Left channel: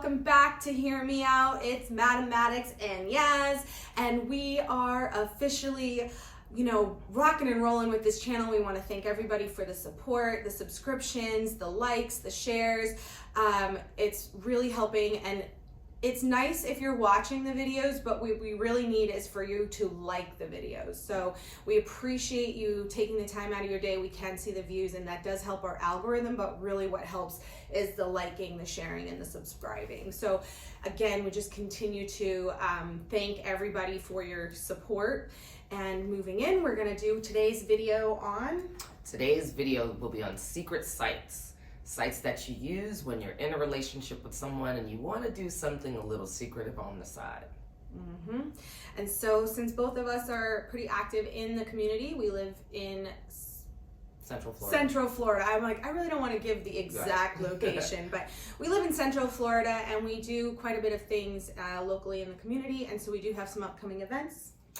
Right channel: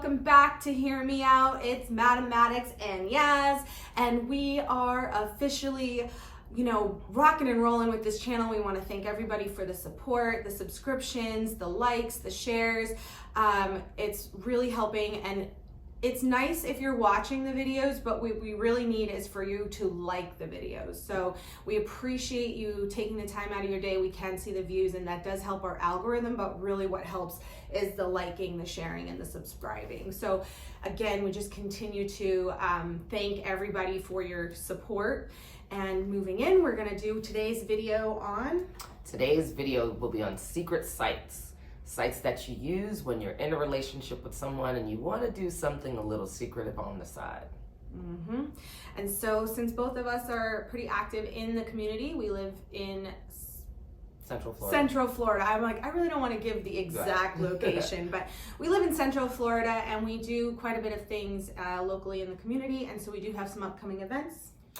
welcome back to Hear Me Out. It's Madison and Yaz, and we are officially, rocking and rolling with this channel. We want to thank everybody for the support, the subscriptions, the likes, the shares. It's really helping, and it's nice if you're watching the videos, but what we really need is for you to like the videos. So we appreciate you taking the time out of your day. We can see the views, and that does help our algorithm, but really what helps is the liking, the sharing, and the subscribing. So again, we just continue to thank everybody for your support. And moving in, we're gonna do today's video on... Today's video will be on secret sites. Sites that you use when you're in a relationship with someone and you want to do something a little secretive on the side. And so since both of us are pretty active in the community, we live in Central Florida. I'm like, I really don't want to give the exact location, but we live in Central Florida and we do quite a bit of things locally in the community. And so we do have some upcoming events.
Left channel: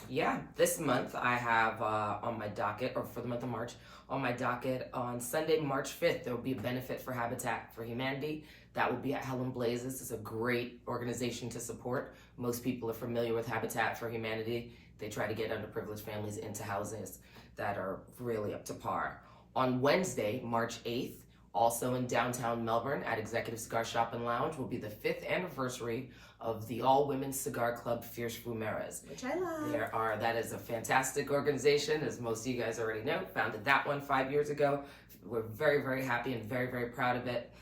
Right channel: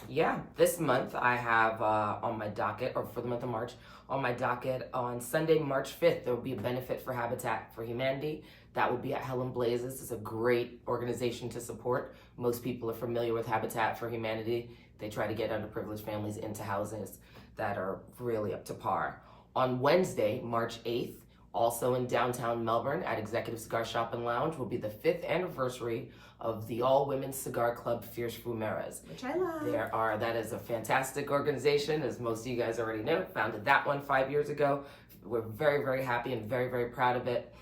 Yeah, this month I have on my docket, or for the month of March, on my docket on Sunday, March 5th, there will be a benefit for Habitat for Humanity. That will be at Helen Blazes. It's a great organization to support. Most people are familiar with Habitat for Humanity. They try to get underprivileged families into houses that are really up to par. On Wednesday, March 8th, also in downtown Melbourne at Executive Cigar Shop and Lounge, will be the 5th anniversary of the all-women cigar club Fierce Fumeras. Which I love. That is a fantastic organization, as most of you guys already know. Founded that one 5 years ago. We're very, very happy and very, very proud of it.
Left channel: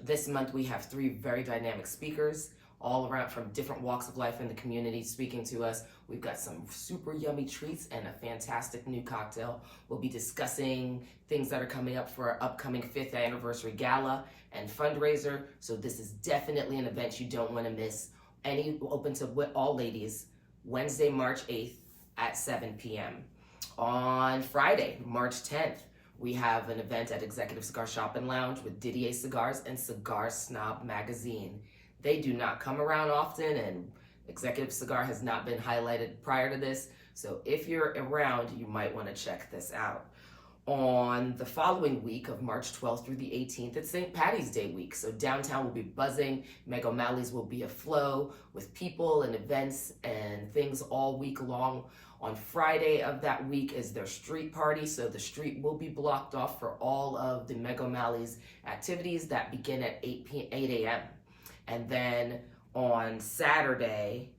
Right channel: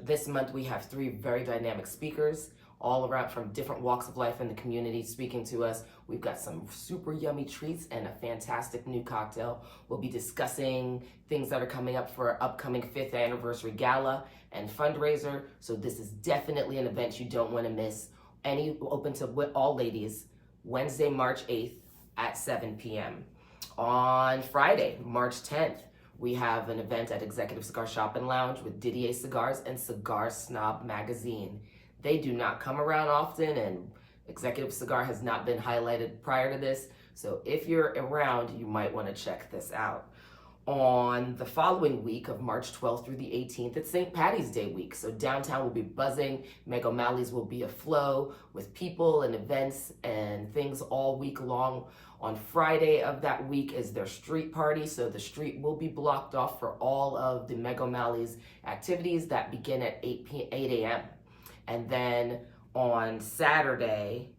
This month we have 3 very dynamic speakers all around from different walks of life in the community speaking to us. We've got some super yummy treats and a fantastic new cocktail. We'll be discussing things that are coming up for our upcoming 5th anniversary gala and fundraiser. So this is definitely an event you don't want to miss. Open to all ladies, Wednesday, March 8th at 7 p.m. On Friday, March 10th, we have an event at Executive Cigar Shop and Lounge with Didier Cigars and Cigar Snob Magazine. They do not come around often, and Executive Cigar has not been highlighted prior to this. So if you're around, you might want to check this out. On the following week of March 12th through the 18th, it's St. Patty's Day week. So downtown will be buzzing. Meg O'Malley's will be aflow with people and events and things all week long. On Friday of that week is their street party. So the street will be blocked off for all of the Meg O'Malley's activities that begin at 8 a.m. And then on Saturday,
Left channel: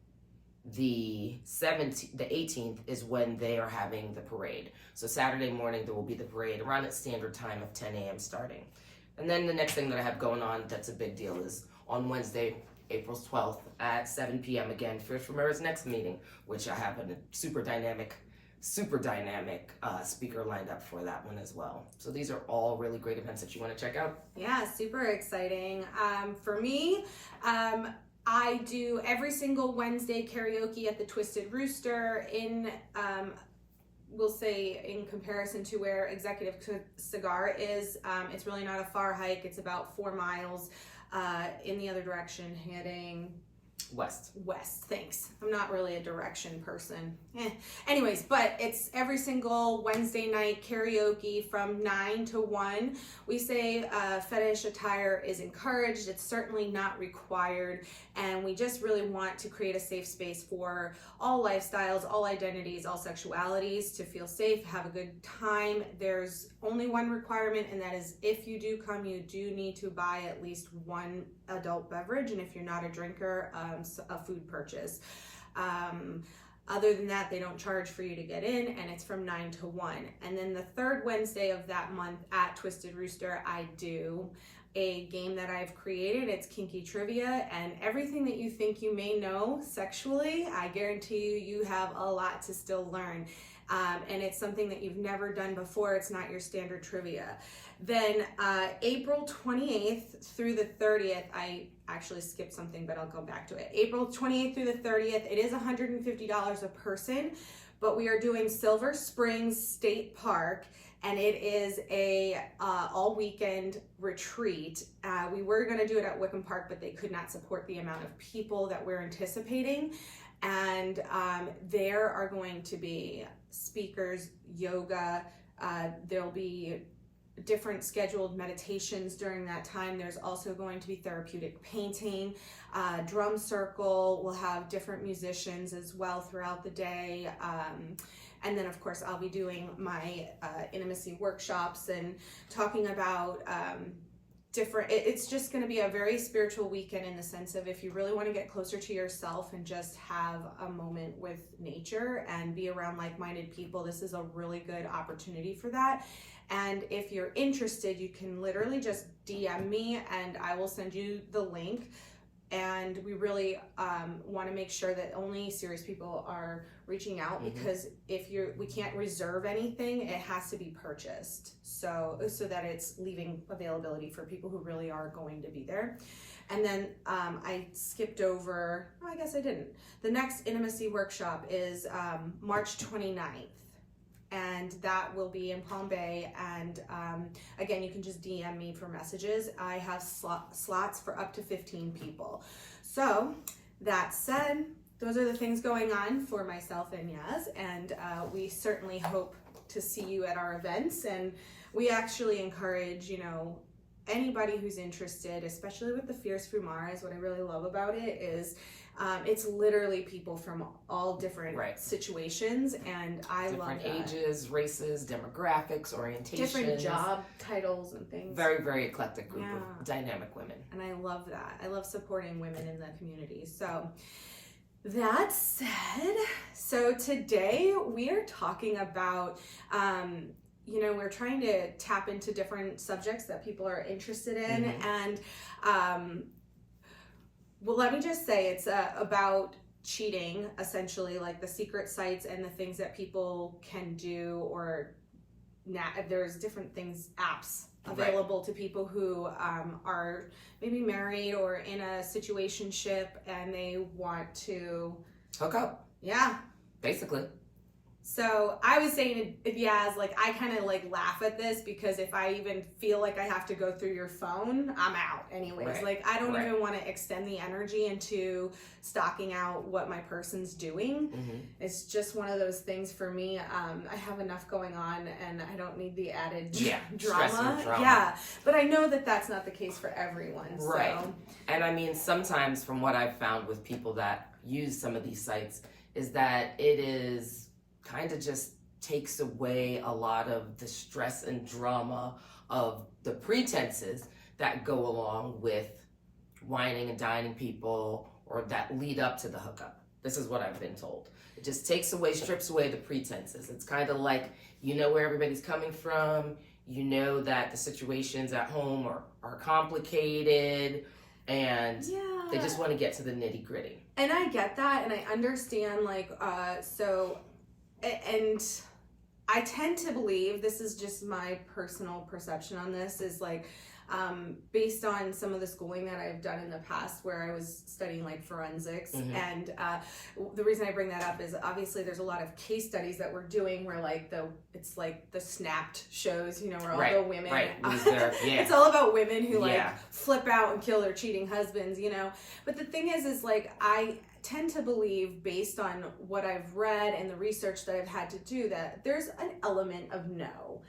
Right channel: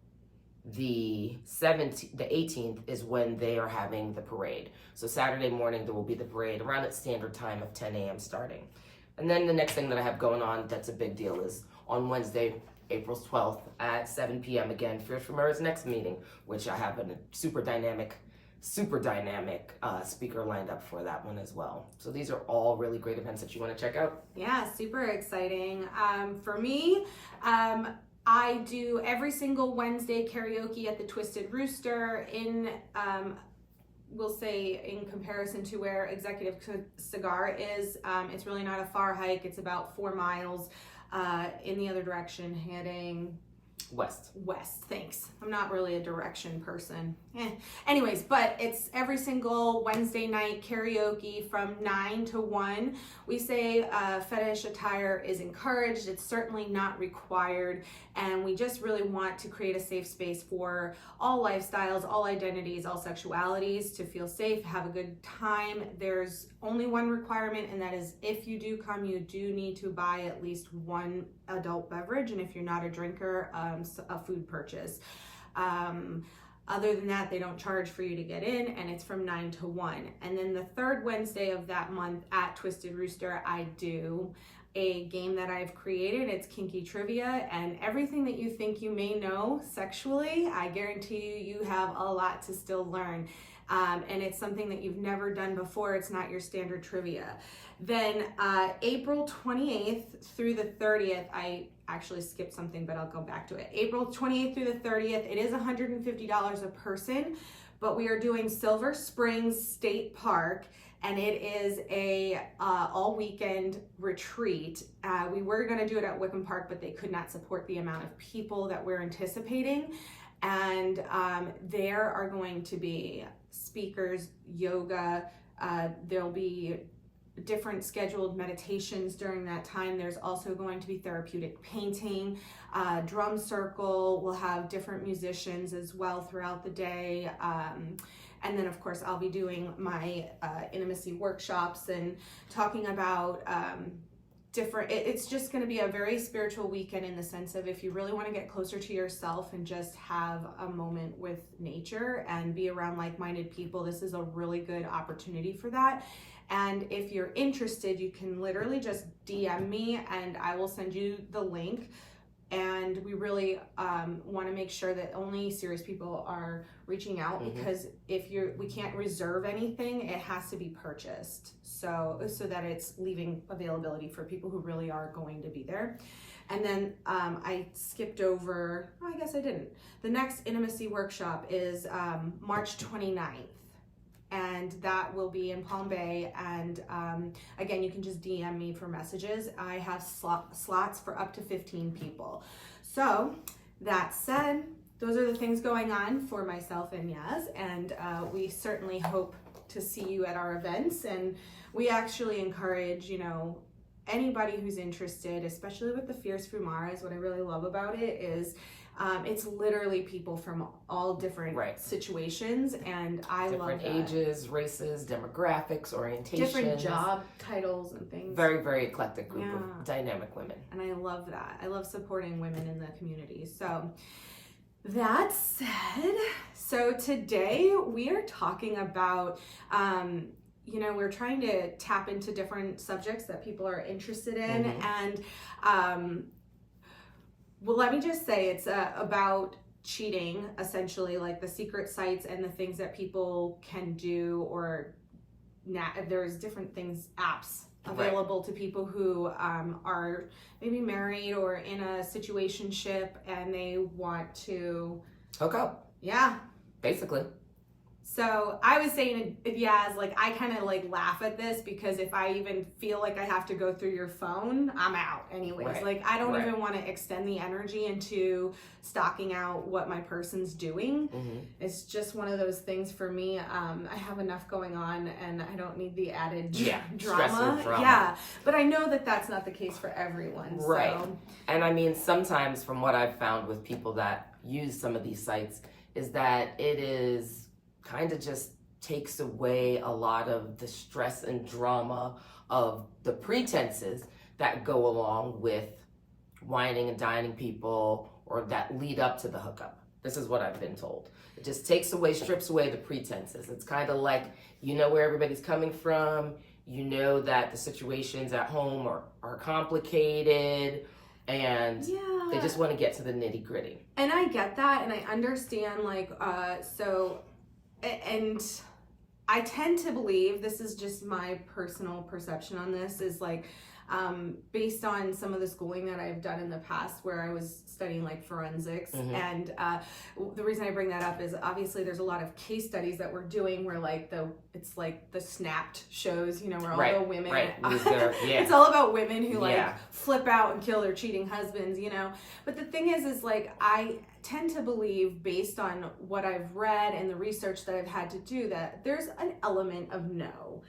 the 18th is when they are having the parade. So Saturday morning, there will be the parade around its standard time of 10 a.m. starting. And then the next thing that I have going on that's a big deal is on Wednesday, April 12th at 7 p.m. again, Fierce Fumeras' next meeting, which I have a super dynamic speaker lined up for that one as well. So these are all really great events that you want to check out. Yeah, super exciting. For me, I do every single Wednesday karaoke at the Twisted Rooster in, we'll say in comparison to where Executive Cigar is, it's really not a far hike. It's about 4 miles in the other direction, heading west. Thanks. I'm not really a direction person. Anyways, but it's every single Wednesday night karaoke from 9 to 1. We say fetish attire is encouraged. It's certainly not required. And we just really want to create a safe space for all lifestyles, all identities, all sexualities to feel safe, have a good time. There's only one requirement, and that is if you do come, you do need to buy at least 1 adult beverage. And if you're not a drinker, a food purchase. Other than that, they don't charge for you to get in, and it's from 9 to 1. And then the 3rd Wednesday of that month at Twisted Rooster, I do a game that I've created. It's Kinky Trivia, and everything that you think you may know sexually, I guarantee you have a lot to still learn. And it's something that you've never done before. It's not your standard trivia. Then April 28th through the 30th, I actually skipped something, but I'll go back to it. April 28th through the 30th, it is $150 a person, but we are doing Silver Springs State Park, and it is a all weekend retreat. We were gonna do it at Wickham Park, but they could not support the amount of people that we're anticipating. And there are going to be speakers, yoga, there'll be different scheduled meditations during that time. There's also going to be therapeutic painting, drum circle. We'll have different musicians as well throughout the day. And then of course I'll be doing my intimacy workshops and talking about it's just going to be a very spiritual weekend in the sense of if you really want to get closer to yourself and just have a moment with nature and be around like-minded people, this is a really good opportunity for that. And if you're interested, you can literally just DM me and I will send you the link. And we really want to make sure that only serious people are reaching out, because we can't reserve anything, it has to be purchased. So that it's leaving availability for people who really are going to be there. And then I skipped over, I guess I didn't. The next intimacy workshop is March 29th. And that will be in Palm Bay. And again, you can just DM me for messages. I have slots for up to 15 people. So that said, those are the things going on for myself and Yaz. And we certainly hope to see you at our events. And we actually encourage, anybody who's interested, especially with the Fierce Fumaras. What I really love about it is it's literally people from all different situations, and I love that. Different ages, races, demographics, orientations. Different job titles and things. Very, very eclectic group of dynamic women. And I love that. I love supporting women in the community. So that said, so today we are talking about, we're trying to tap into different subjects that people are interested in. And well, let me just say it's about cheating, essentially, like the secret sites and the things that people can do, or there's different things, apps available to people who are maybe married or in a situationship and they want to hook up. Yeah. Basically. So I was saying, Yaz, like I kind of like laugh at this because if I even feel like I have to go through your phone, I'm out anyways. Like I don't even want to extend the energy into stalking out what my person's doing. It's just one of those things for me. I have enough going on and I don't need the added drama. Yeah, but I know that that's not the case for everyone. Right. So. And I mean, sometimes from what I've found with people that use some of these sites is that it is kind of just takes away a lot of the stress and drama of the pretenses that go along with whining and dining people or that lead up to the hookup. This is what I've been told. It just strips away the pretenses. It's kind of like, where everybody's coming from, that the situations at home are complicated, and they just want to get to the nitty gritty. And I get that, and I understand, and I tend to believe, this is just my personal perception on this, is based on some of the schooling that I've done in the past where I was studying forensics. And the reason I bring that up is obviously there's a lot of case studies that we're doing where it's the Snapped shows, where all the women, it's all about women who flip out and kill their cheating husbands, But the thing is I tend to believe, based on what I've read and the research that I've had to do, that there's an element of no.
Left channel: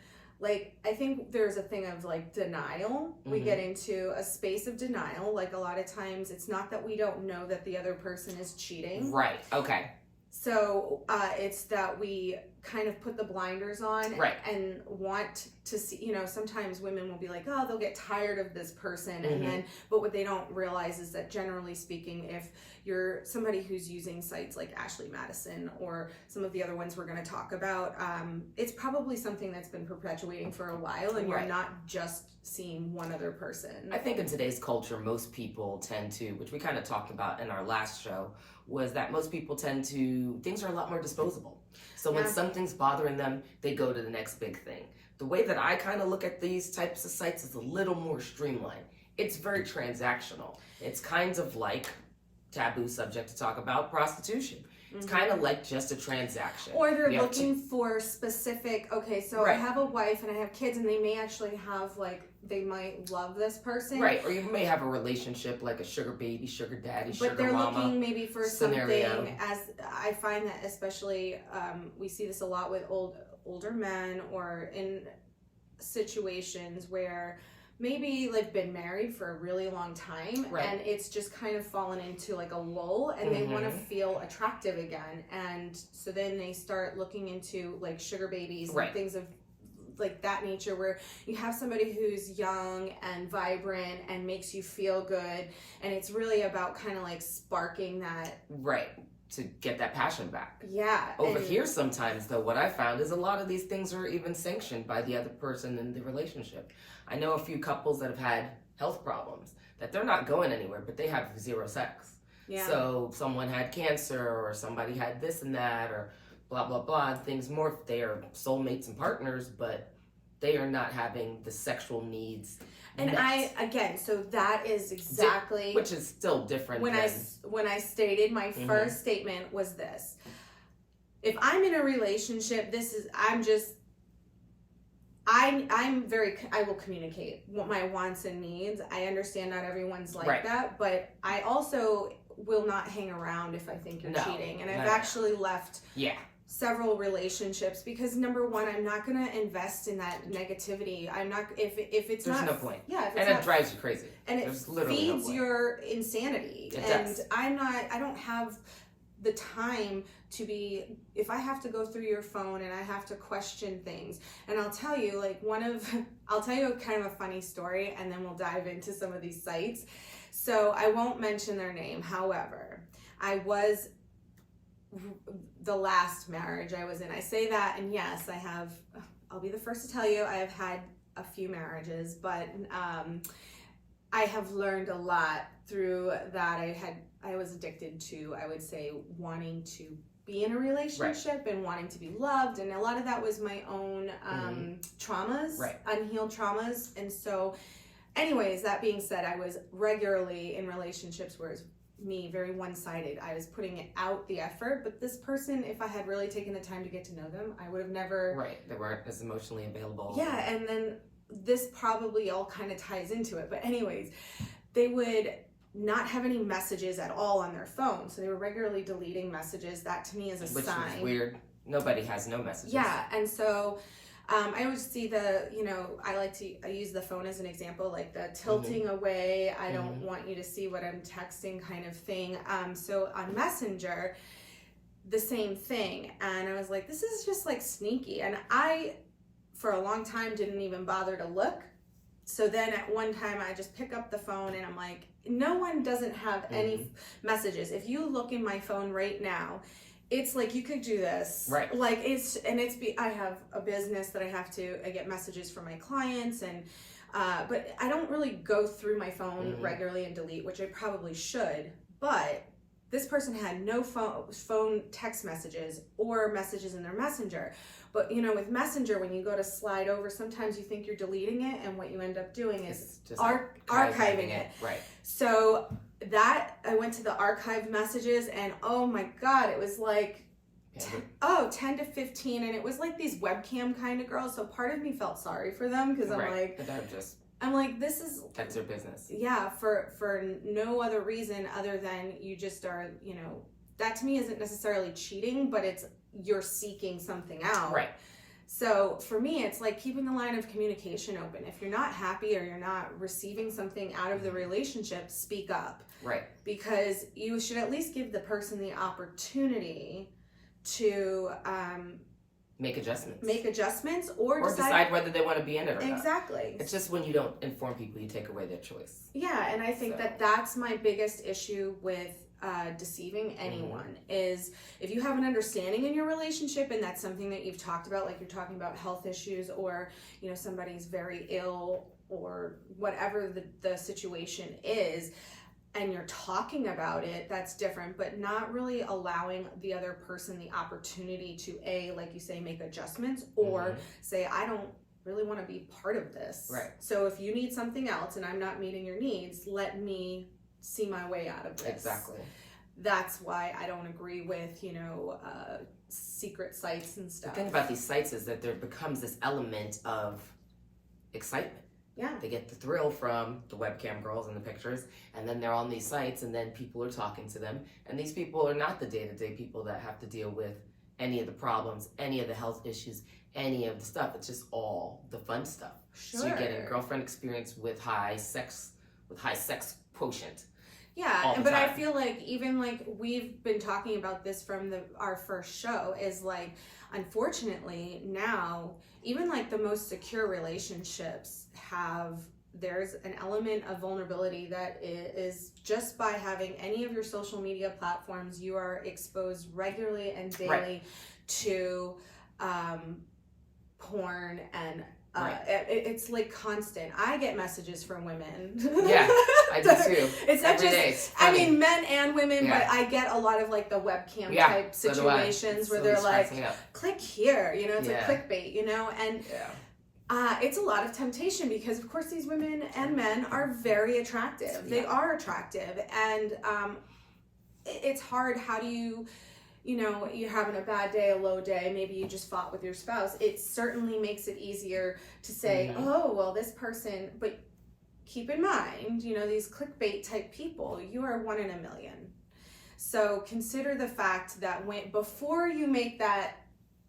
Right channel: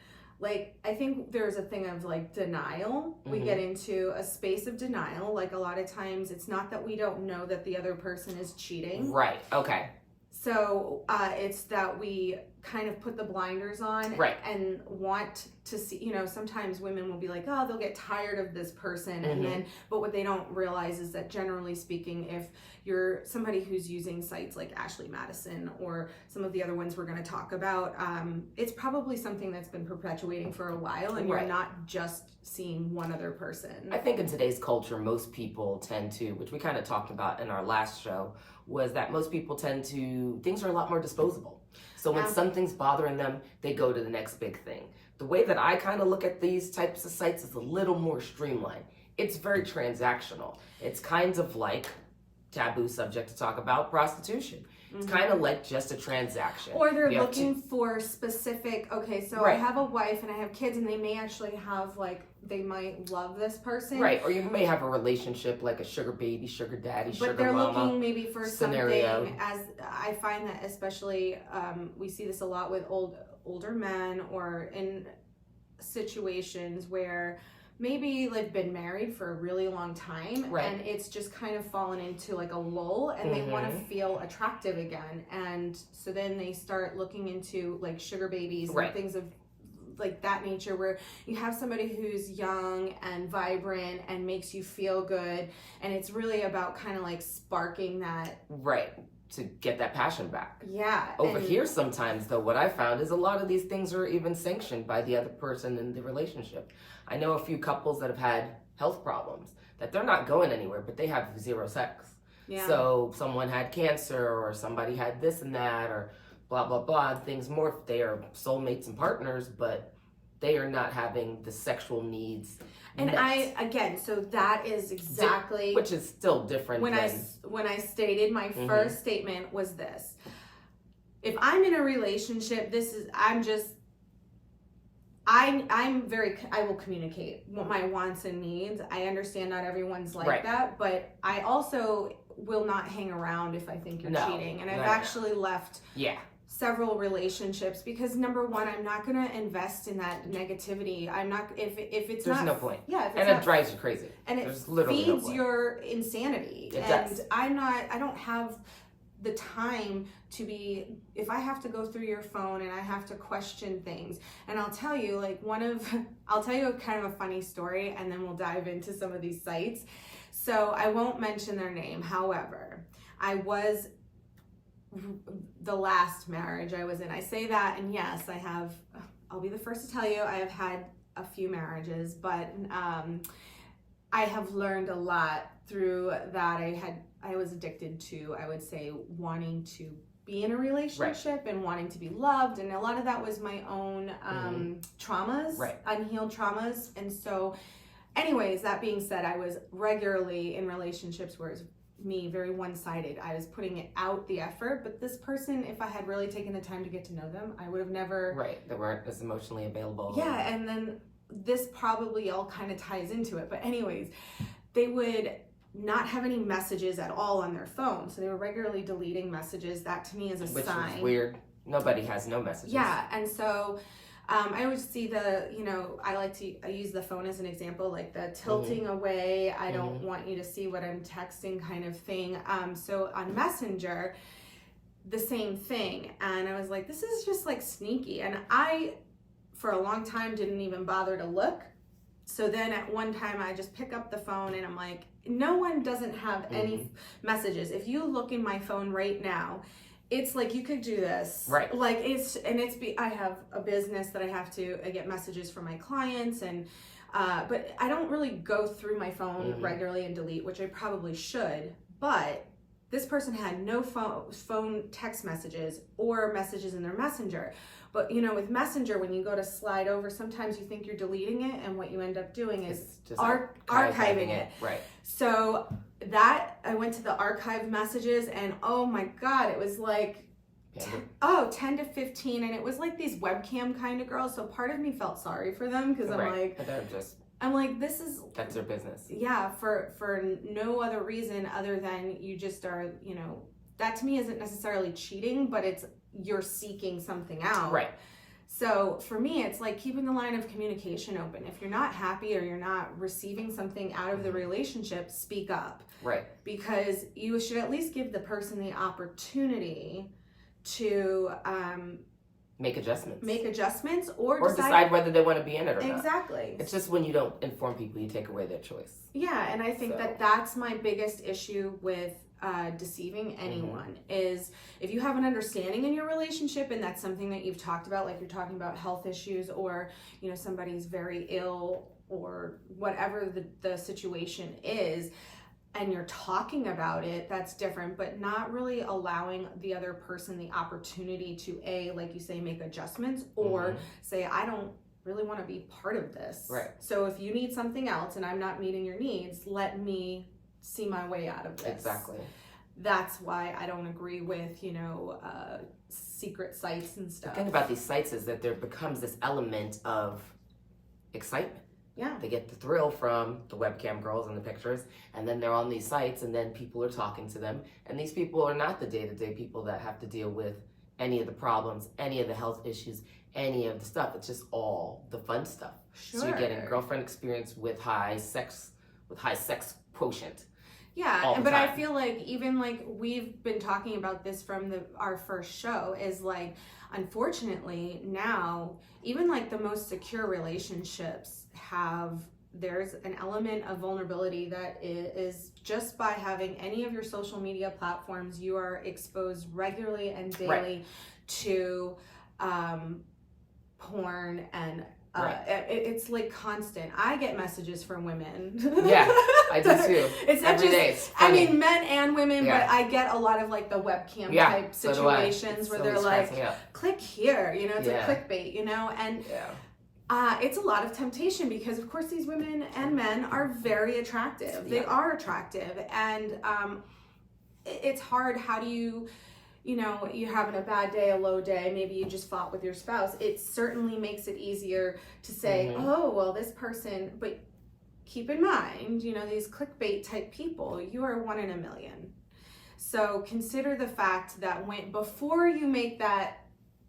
I think there's a thing of denial. We get into a space of denial. A lot of times it's not that we don't know that the other person is cheating. Right. Okay. So it's that we kind of put the blinders on and want to see, sometimes women will be like, oh, they'll get tired of this person. And then, but what they don't realize is that generally speaking, if you're somebody who's using sites like Ashley Madison or some of the other ones we're going to talk about, it's probably something that's been perpetuating for a while, and you're not just seeing one other person. I think in today's culture, most people tend to, which we kind of talked about in our last show, was that most people tend to, things are a lot more disposable. So when something's bothering them, they go to the next big thing. The way that I kind of look at these types of sites is a little more streamlined. It's very transactional. It's kind of like, taboo subject to talk about, prostitution. It's kind of like just a transaction. Or they're looking for specific, I have a wife and I have kids, and they may actually have they might love this person. Right, or you may have a relationship like a sugar baby, sugar daddy, sugar mama. But they're looking maybe for scenario. Something, as I find that especially, we see this a lot with older men or in situations where maybe they've been married for a really long time, Right. and it's just kind of fallen into like a lull, and they want to feel attractive again, and so then they start looking into like sugar babies and Right. things of like that nature, where you have somebody who's young and vibrant and makes you feel good, and it's really about kind of like sparking that. Right. To get that passion back. Yeah. Over here sometimes though, what I found is a lot of these things are even sanctioned by the other person in the relationship. I know a few couples that have had health problems that they're not going anywhere, but they have zero sex. Yeah. So someone had cancer or somebody had this and that or blah, blah, blah. Things more, they are soulmates and partners, but they are not having the sexual needs. And met. so that is exactly, which is still different. When I stated my first statement was this: if I'm in a relationship, I will communicate what my wants and needs. I understand not everyone's like that, but I also will not hang around if I think you're cheating. And I've actually left several relationships because, number one, I'm not going to invest in that negativity. I'm not, if it's There's not. no point. Yeah. And it drives you crazy. And it feeds your insanity. It and does. I don't have the time to be, if I have to go through your phone and I have to question things. And I'll tell you, I'll tell you a kind of a funny story, and then we'll dive into some of these sites. So I won't mention their name. However, the last marriage I was in, I say that, and yes, I'll be the first to tell you, I have had a few marriages, but I have learned a lot through that. I was addicted to, I would say, wanting to be in a relationship and wanting to be loved, and a lot of that was my own traumas, unhealed traumas. And so anyways, that being said, I was regularly in relationships where it's me very one-sided. I was putting out the effort, but this person, if I had really taken the time to get to know them, I would have never they weren't as emotionally available. And then this probably all kind of ties into it, but anyways, they would not have any messages at all on their phone, so they were regularly deleting messages. That to me is a sign. Which is weird. Nobody has no messages. And so I always see I use the phone as an example, like the tilting away. I don't want you to see what I'm texting kind of thing. So on Messenger, the same thing. And I was like, this is just like sneaky. And I, for a long time, didn't even bother to look. So then at one time I just pick up the phone and I'm like, no one doesn't have any messages. If you look in my phone right now, it's like you could do this, like I have a business that I get messages from my clients, and but I don't really go through my phone regularly and delete, which I probably should. But this person had no phone text messages or messages in their messenger. But with Messenger, when you go to slide over, sometimes you think you're deleting it, and what you end up doing is just archiving it. So that I went to the archive messages, and oh my God, it was like 10 to 15, and it was like these webcam kind of girls. So part of me felt sorry for them because I'm like, that's their business. Yeah, for no other reason other than you just are, that to me isn't necessarily cheating, but you're seeking something out. So for me, it's like keeping the line of communication open. If you're not happy or you're not receiving something out of the relationship, speak up. Because you should at least give the person the opportunity to make adjustments or decide whether they want to be in it or not. Exactly. It's just when you don't inform people, you take away their choice. Yeah, and I think that's my biggest issue with deceiving anyone is if you have an understanding in your relationship and that's something that you've talked about, like you're talking about health issues, or somebody's very ill or whatever the situation is, and you're talking about it, that's different. But not really allowing the other person the opportunity to like you say, make adjustments, or say, I don't really want to be part of this. So if you need something else and I'm not meeting your needs, let me see my way out of this. Exactly. That's why I don't agree with, secret sites and stuff. The thing about these sites is that there becomes this element of excitement. Yeah. They get the thrill from the webcam girls and the pictures, and then they're on these sites, and then people are talking to them. And these people are not the day-to-day people that have to deal with any of the problems, any of the health issues, any of the stuff. It's just all the fun stuff. Sure. So you're getting girlfriend experience with high sex quotient. Yeah, but I feel like even like we've been talking about this from our first show is like, unfortunately now, even like the most secure relationships there's an element of vulnerability that is just by having any of your social media platforms, you are exposed regularly and daily to porn and it's like constant. I get messages from women. Yeah, I do too. It's not every just, day. It's I funny. mean, men and women, but I get a lot of like the webcam type situations where they're like, click here, you know, it's like clickbait, you know, and it's a lot of temptation because of course these women and men are very attractive. They are attractive, and it's hard. How do you know, you're having a bad day, a low day, maybe you just fought with your spouse. It certainly makes it easier to say, oh, well, this person, but keep in mind, you know, these clickbait type people, you are 1 in a million. So consider the fact that before you make that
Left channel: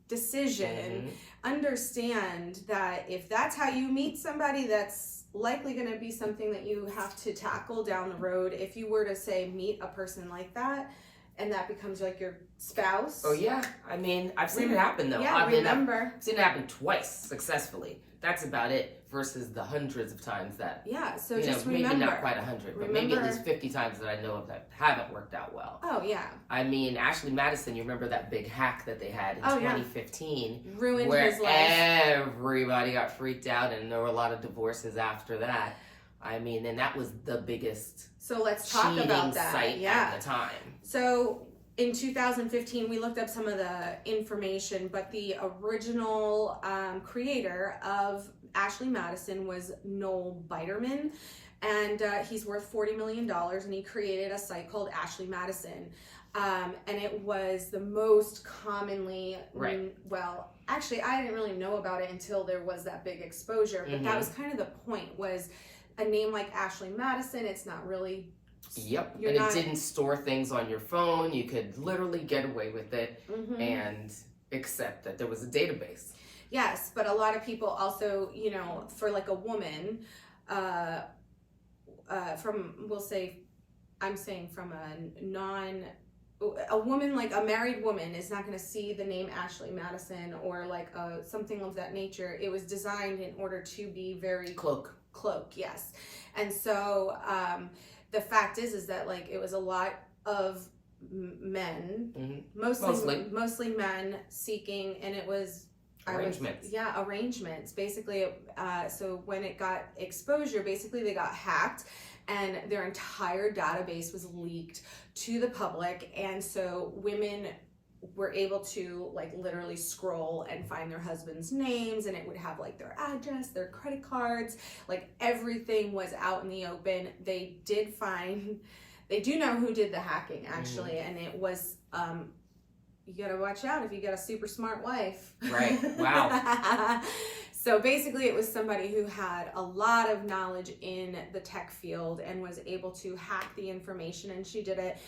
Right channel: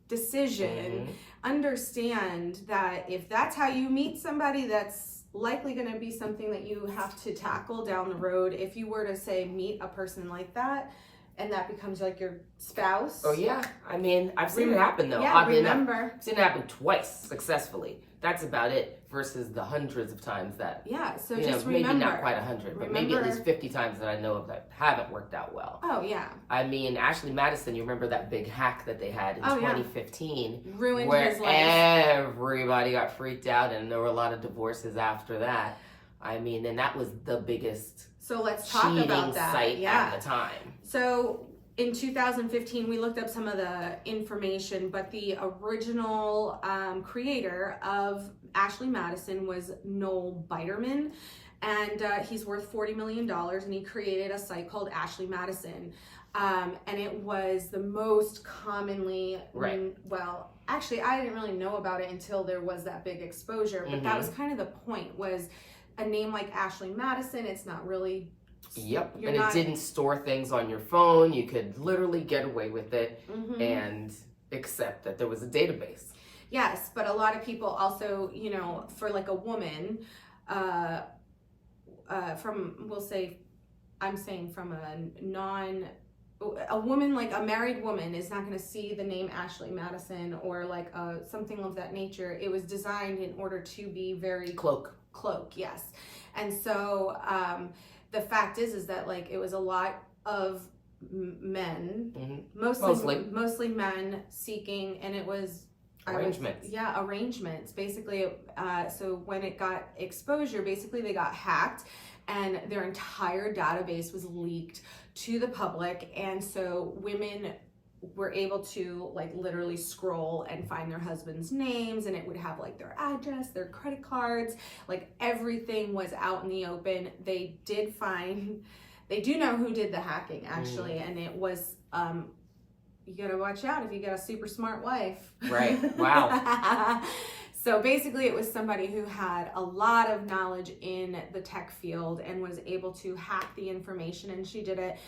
decision, understand that if that's how you meet somebody, that's likely going to be something that you have to tackle down the road. If you were to say meet a person like that, and that becomes like your spouse. Oh yeah, I mean, I've seen it happen though. Yeah, remember. I've seen it happen twice successfully. That's about it versus the hundreds of times that. Yeah, so just remember. Maybe not quite 100, but maybe at least 50 times that I know of that haven't worked out well. Oh yeah. I mean, Ashley Madison, you remember that big hack that they had in 2015? Ruined his life. Everybody got freaked out and there were a lot of divorces after that. I mean, and that was the biggest So let's talk about that. Site at the time. So in 2015, we looked up some of the information, but the original creator of Ashley Madison was Noel Biderman, and he's worth $40 million, and he created a site called Ashley Madison. And it was the most commonly, well, actually, I didn't really know about it until there was that big exposure, but that was kind of the point, was a name like Ashley Madison, it's not really... Yep, and it didn't store things on your phone. You could literally get away with it and accept that there was a database. Yes, but a lot of people also, you know, for like a woman, we'll say, I'm saying from a woman, like a married woman is not going to see the name Ashley Madison or like something of that nature. It was designed in order to be very... Cloak, yes. And so the fact is that like it was a lot of men, mostly men seeking, and it was arrangements. Arrangements. Basically, so when it got exposure, basically they got hacked and their entire database was leaked to the public, and so women were able to like literally scroll and find their husband's names, and it would have like their address, their credit cards, like everything was out in the open. They do know who did the hacking actually, and it was you gotta watch out if you got a super smart wife. Right. Wow. So basically it was somebody who had a lot of knowledge in the tech field and was able to hack the information, and she did it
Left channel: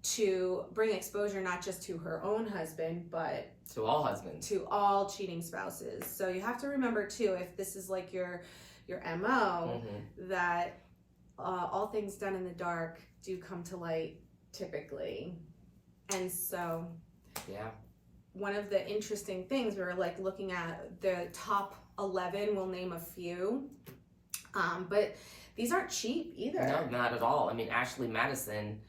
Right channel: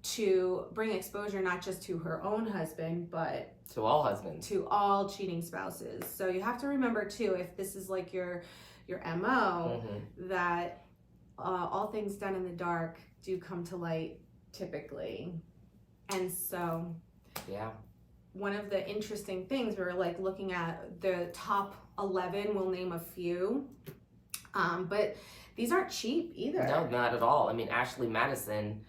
to bring exposure not just to her own husband, but to all husbands, to all cheating spouses. So you have to remember too, if this is like your MO, that all things done in the dark do come to light typically. And so one of the interesting things, we were like looking at the top 11, we'll name a few, but these aren't cheap either. No, not at all. I mean, Ashley Madison,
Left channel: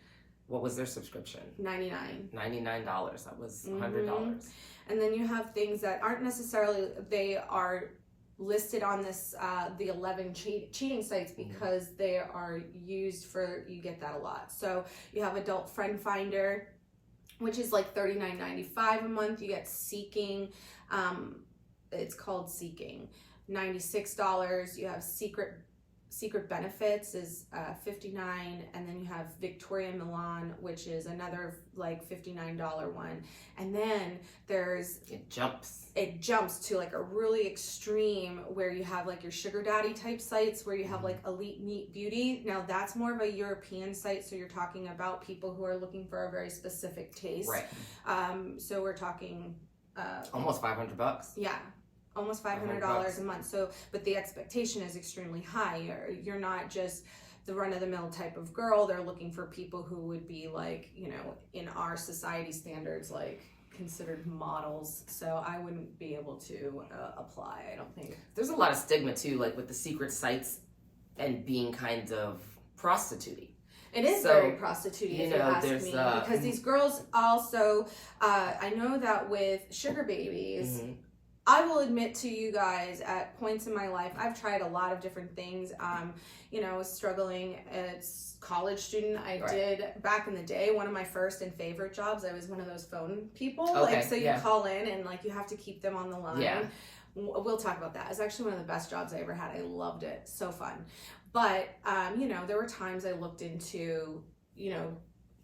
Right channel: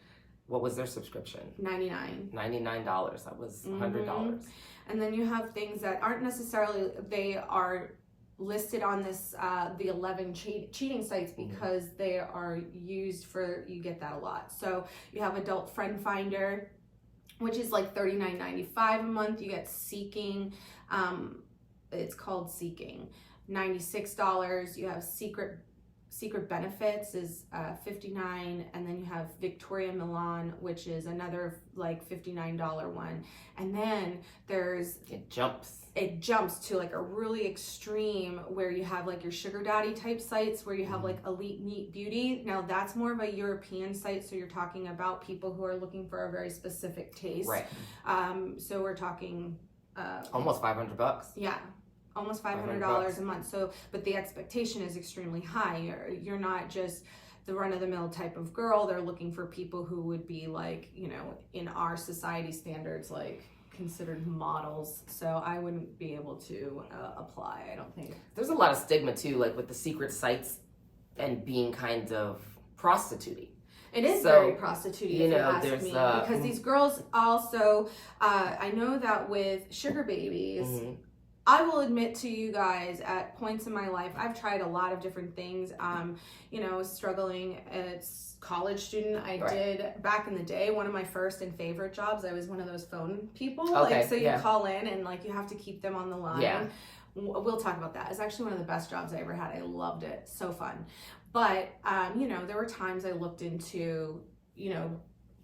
what was their subscription? $99. That was $100. And then you have things that aren't necessarily, they are listed on this, the 11 cheating sites because they are used for, you get that a lot. So you have Adult Friend Finder, which is like $39.95 a month. You get Seeking, it's called Seeking, $96. You have Secret Benefits is $59, and then you have Victoria Milan, which is another like $59 one, and then there's it jumps to like a really extreme where you have like your sugar daddy type sites where you have like Elite Neat Beauty. Now that's more of a European site, so you're talking about people who are looking for a very specific taste, right? So we're talking almost $500. Yeah. almost $500 a month. So, but the expectation is extremely high. You're not just the run-of-the-mill type of girl. They're looking for people who would be like, you know, in our society standards, like considered models. So I wouldn't be able to apply, I don't think. There's a lot of stigma too, like with the secret sites and being kind of prostituting. It is very prostituting, if you ask me, because these girls also, I know that with sugar babies, I will admit to you guys, at points in my life, I've tried a lot of different things. You know, struggling as college student, I did back in the day, one of my first and favorite jobs. I was one of those phone people. Okay, like, so you call in and like you have to keep them on the line. Yeah. We'll talk about that. It's actually one of the best jobs I ever had. I loved it. So fun. But, you know, there were times I looked into, you know,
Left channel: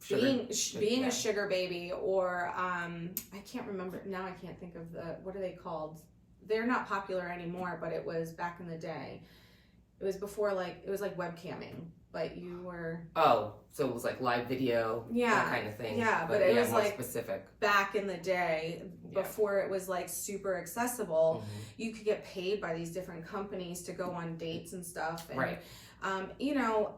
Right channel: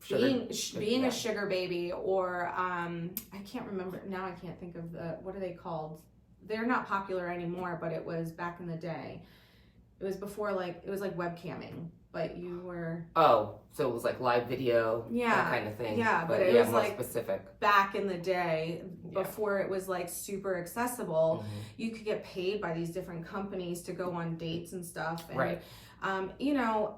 being a sugar baby, or I can't remember now. I can't think of what are they called? They're not popular anymore, but it was back in the day. It was before, like, it was like webcamming, but you were so it was like live video, that kind of thing. Yeah, but it was more like specific back in the day, before it was like super accessible. You could get paid by these different companies to go on dates and stuff, and you know,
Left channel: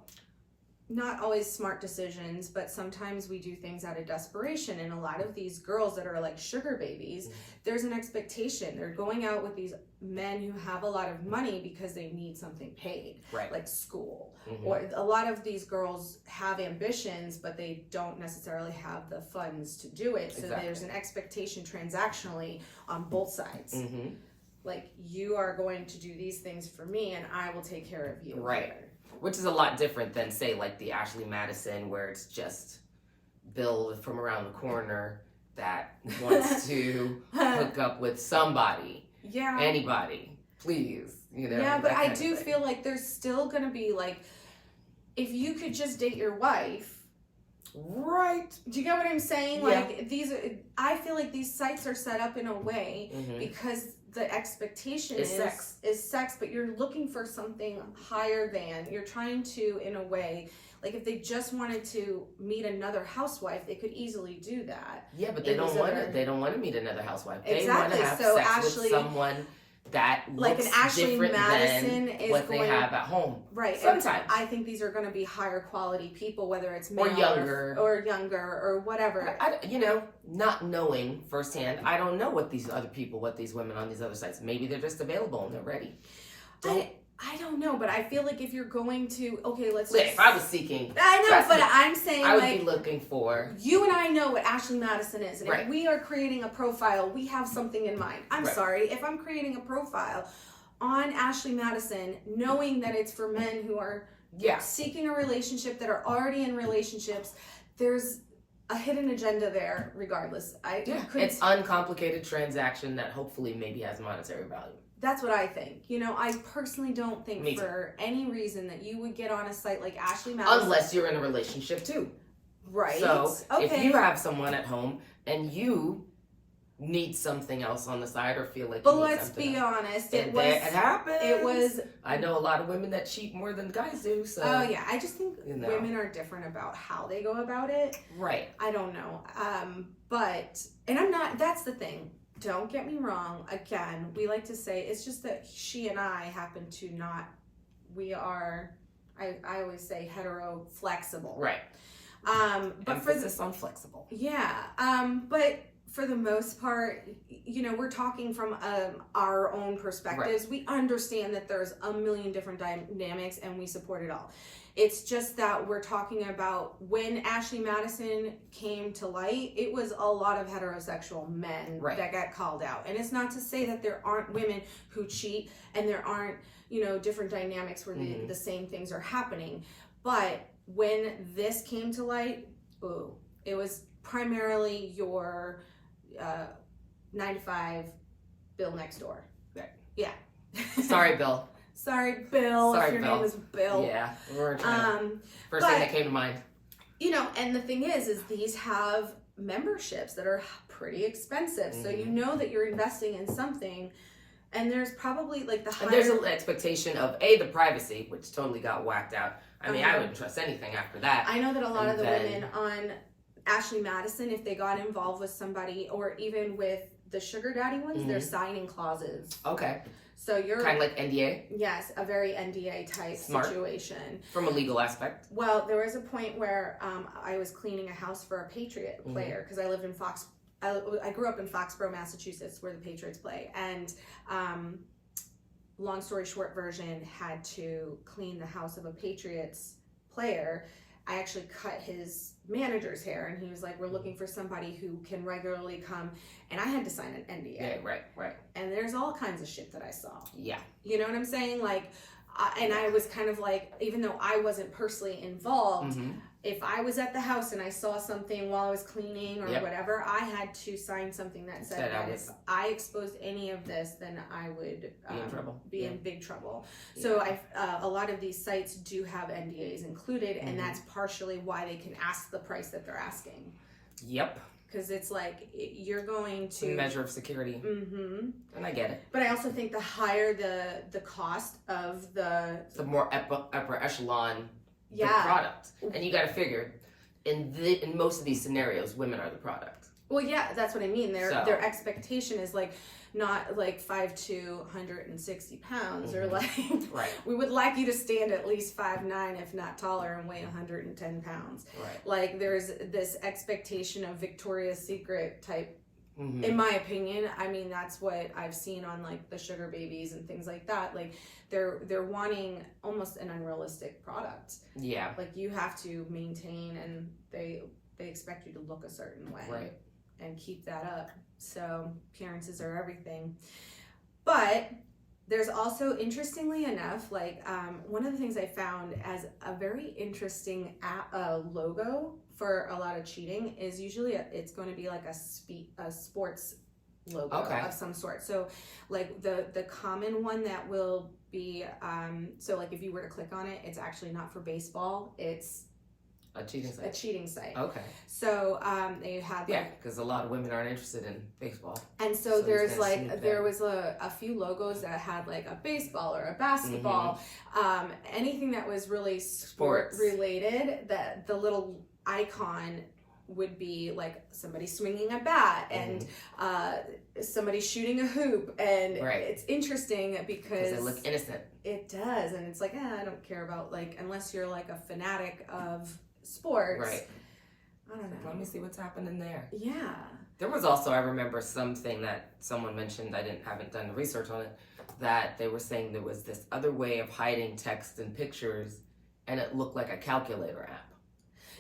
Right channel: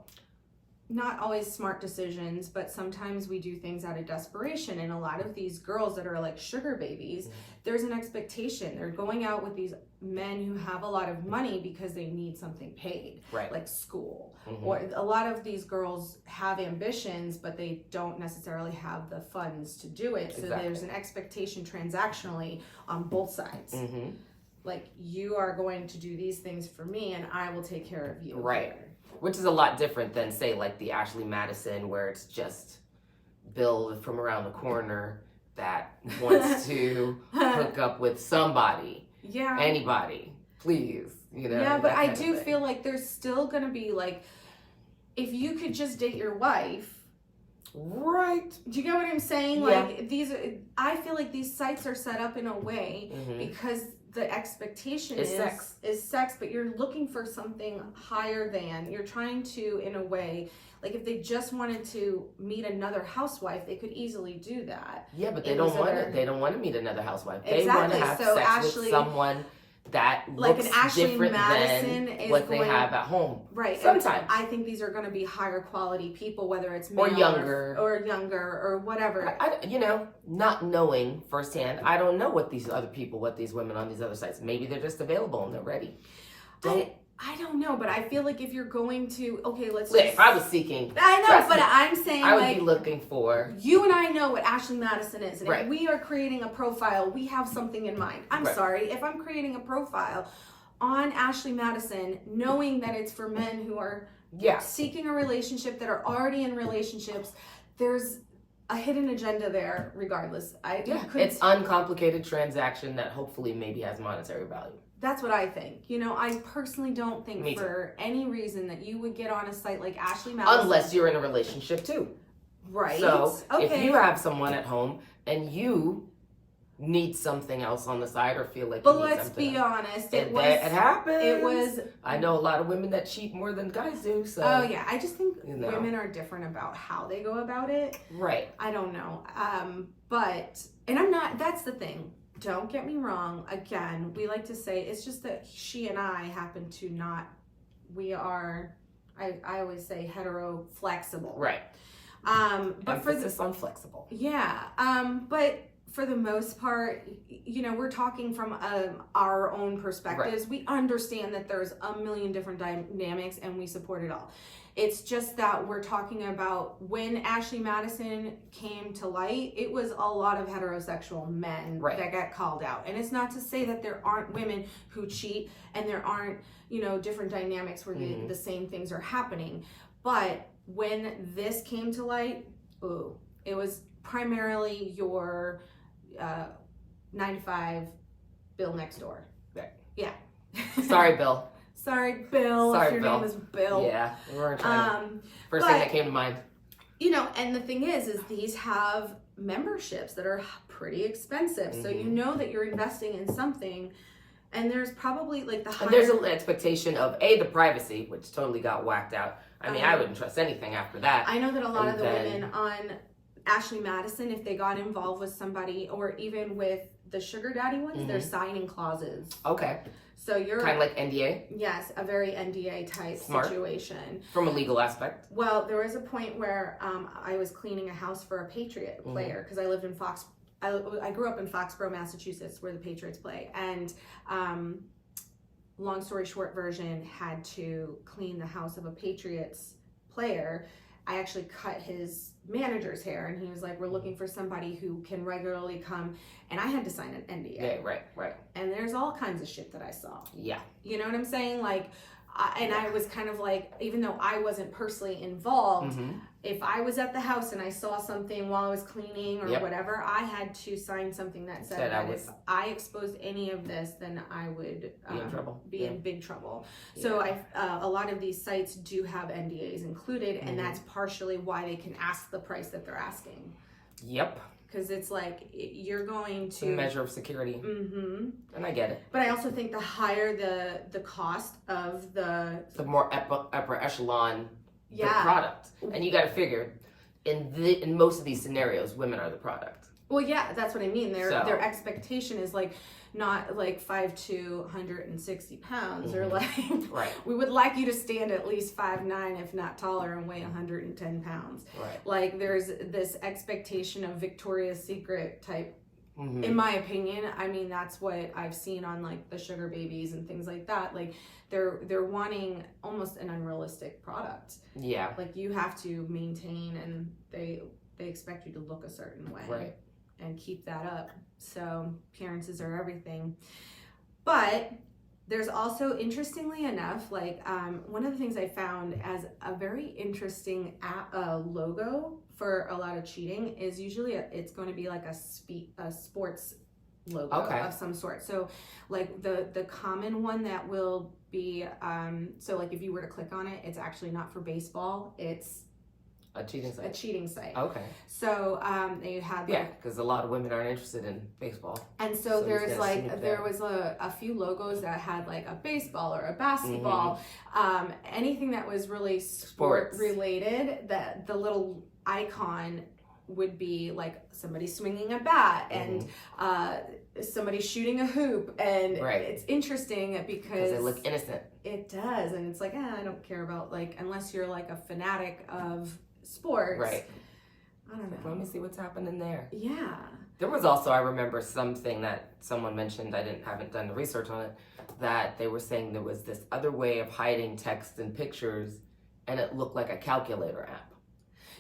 not always smart decisions, but sometimes we do things out of desperation. And a lot of these girls that are like sugar babies, there's an expectation. They're going out with these men who have a lot of money because they need something paid, like school. Or a lot of these girls have ambitions, but they don't necessarily have the funds to do it. So there's an expectation transactionally on both sides. Like, you are going to do these things for me and I will take care of you. Later. Which is a lot different than, say, like the Ashley Madison, where it's just Bill from around the corner that wants to hook up with somebody. Yeah. Anybody. Please. You know. Yeah, but I do feel like there's still going to be, like, if you could just date your wife. Right. Do you get what I'm saying? Yeah. Like, I feel like these sites are set up in a way because the expectation is sex, but you're looking for something higher than. You're trying to, in a way, like, if they just wanted to meet another housewife, they could easily do that. Yeah, but they don't want to meet another housewife. They want to have sex with someone that looks like an Ashley different Madison than is what they have at home. Right. Sometimes. I think these are going to be higher quality people, whether it's male or younger or whatever. You know, not knowing firsthand, I don't know what these women on these other sites, maybe they're just available and they're ready. I don't know, but I feel like if you're going to, if I was seeking, I know, but I'm saying, I would be looking for. You and I know what Ashley Madison is, and if we are creating a profile, we have something in mind. I'm sorry, if I'm creating a profile on Ashley Madison, knowing that it's for men who are seeking a relationship, that are already in relationships, there's a hidden agenda there. Regardless, it's uncomplicated transaction that hopefully maybe has monetary value. That's what I think. You know, I personally don't think for any reason that you would get on a site like Ashley Madison. Unless you're in a relationship too. Right. So if you have someone at home and you need something else on the side or feel like let's be honest, it happens. It was. I know a lot of women that cheat more than guys do. So. Oh yeah, I just think women are different about how they go about it. Right. I don't know. And I'm not. That's the thing. Don't get me wrong. Again, we like to say it's just that she and I happen to not. We are. I always say hetero flexible. Right. But emphasis on flexible. Yeah. But for the most part, you know, we're talking from our own perspectives. Right. We understand that there's a million different dynamics, and we support it all. It's just that we're talking about when Ashley Madison came to light, it was a lot of heterosexual men that got called out. And it's not to say that there aren't women who cheat and there aren't, you know, different dynamics where the same things are happening. But when this came to light, it was primarily your 9 to 5 Bill next door. Right. Yeah. Sorry, Bill. Sorry, Bill. Sorry, if your Bill. name was Bill. Yeah, we weren't trying to. First thing that came to mind. You know, and the thing is these have memberships that are pretty expensive. So you know that you're investing in something, and there's probably like And there's an expectation of the privacy, which totally got whacked out. I mean, I wouldn't trust anything after that. I know that a lot of the women on Ashley Madison, if they got involved with somebody, or even with the sugar daddy ones, they're signing clauses. Okay. So you're kind of like NDA? Yes, a very NDA type situation. From a legal aspect? Well, there was a point where I was cleaning a house for a Patriot player because I lived in I grew up in Foxborough, Massachusetts, where the Patriots play. And long story short version, had to clean the house of a Patriots player. I actually cut his manager's hair, and he was like, we're looking for somebody who can regularly come, and I had to sign an NDA. Yeah, right. And there's all kinds of shit that I saw. Yeah. You know what I'm saying? Like, and I was kind of like, even though I wasn't personally involved, if I was at the house and I saw something while I was cleaning or whatever, I had to sign something that said that if I exposed any of this, then I would be in big trouble. So a lot of these sites do have NDAs included, and that's partially why they can ask the price that they're asking. Yep. Because it's like, you're going to... a measure of security. And I get it. But I also think the higher the cost of the more upper echelon the product. And you got to figure, in most of these scenarios, women are the product. Well, yeah, that's what I mean. Their expectation is like, not like 5'2", 160 pounds, or like, we would like you to stand at least 5'9", if not taller, and weigh 110 pounds. Like, there's this expectation of Victoria's Secret type, in my opinion. I mean, that's what I've seen on like the sugar babies and things like that. Like, they're wanting almost an unrealistic product. Yeah. Like, you have to maintain, and they expect you to look a certain way. And keep that up. So appearances are everything. But there's also, interestingly enough, like one of the things I found as a very interesting logo for a lot of cheating is usually it's going to be like a sports logo of some sort. So like the common one that will be, so like if you were to click on it, it's actually not for baseball. It's a cheating site. Okay. So they had because a lot of women aren't interested in baseball. And so there's like there was a few logos that had like a baseball or a basketball, anything that was really sport related. That the little icon would be like somebody swinging a bat and somebody shooting a hoop, and it's interesting because they look innocent. It does, and it's like I don't care about, like, unless you're like a fanatic of sports. I don't know. Let me see what's happening there. Yeah. There was also, I remember something that someone mentioned, haven't done the research on it, that they were saying there was this other way of hiding text and pictures, and it looked like a calculator app.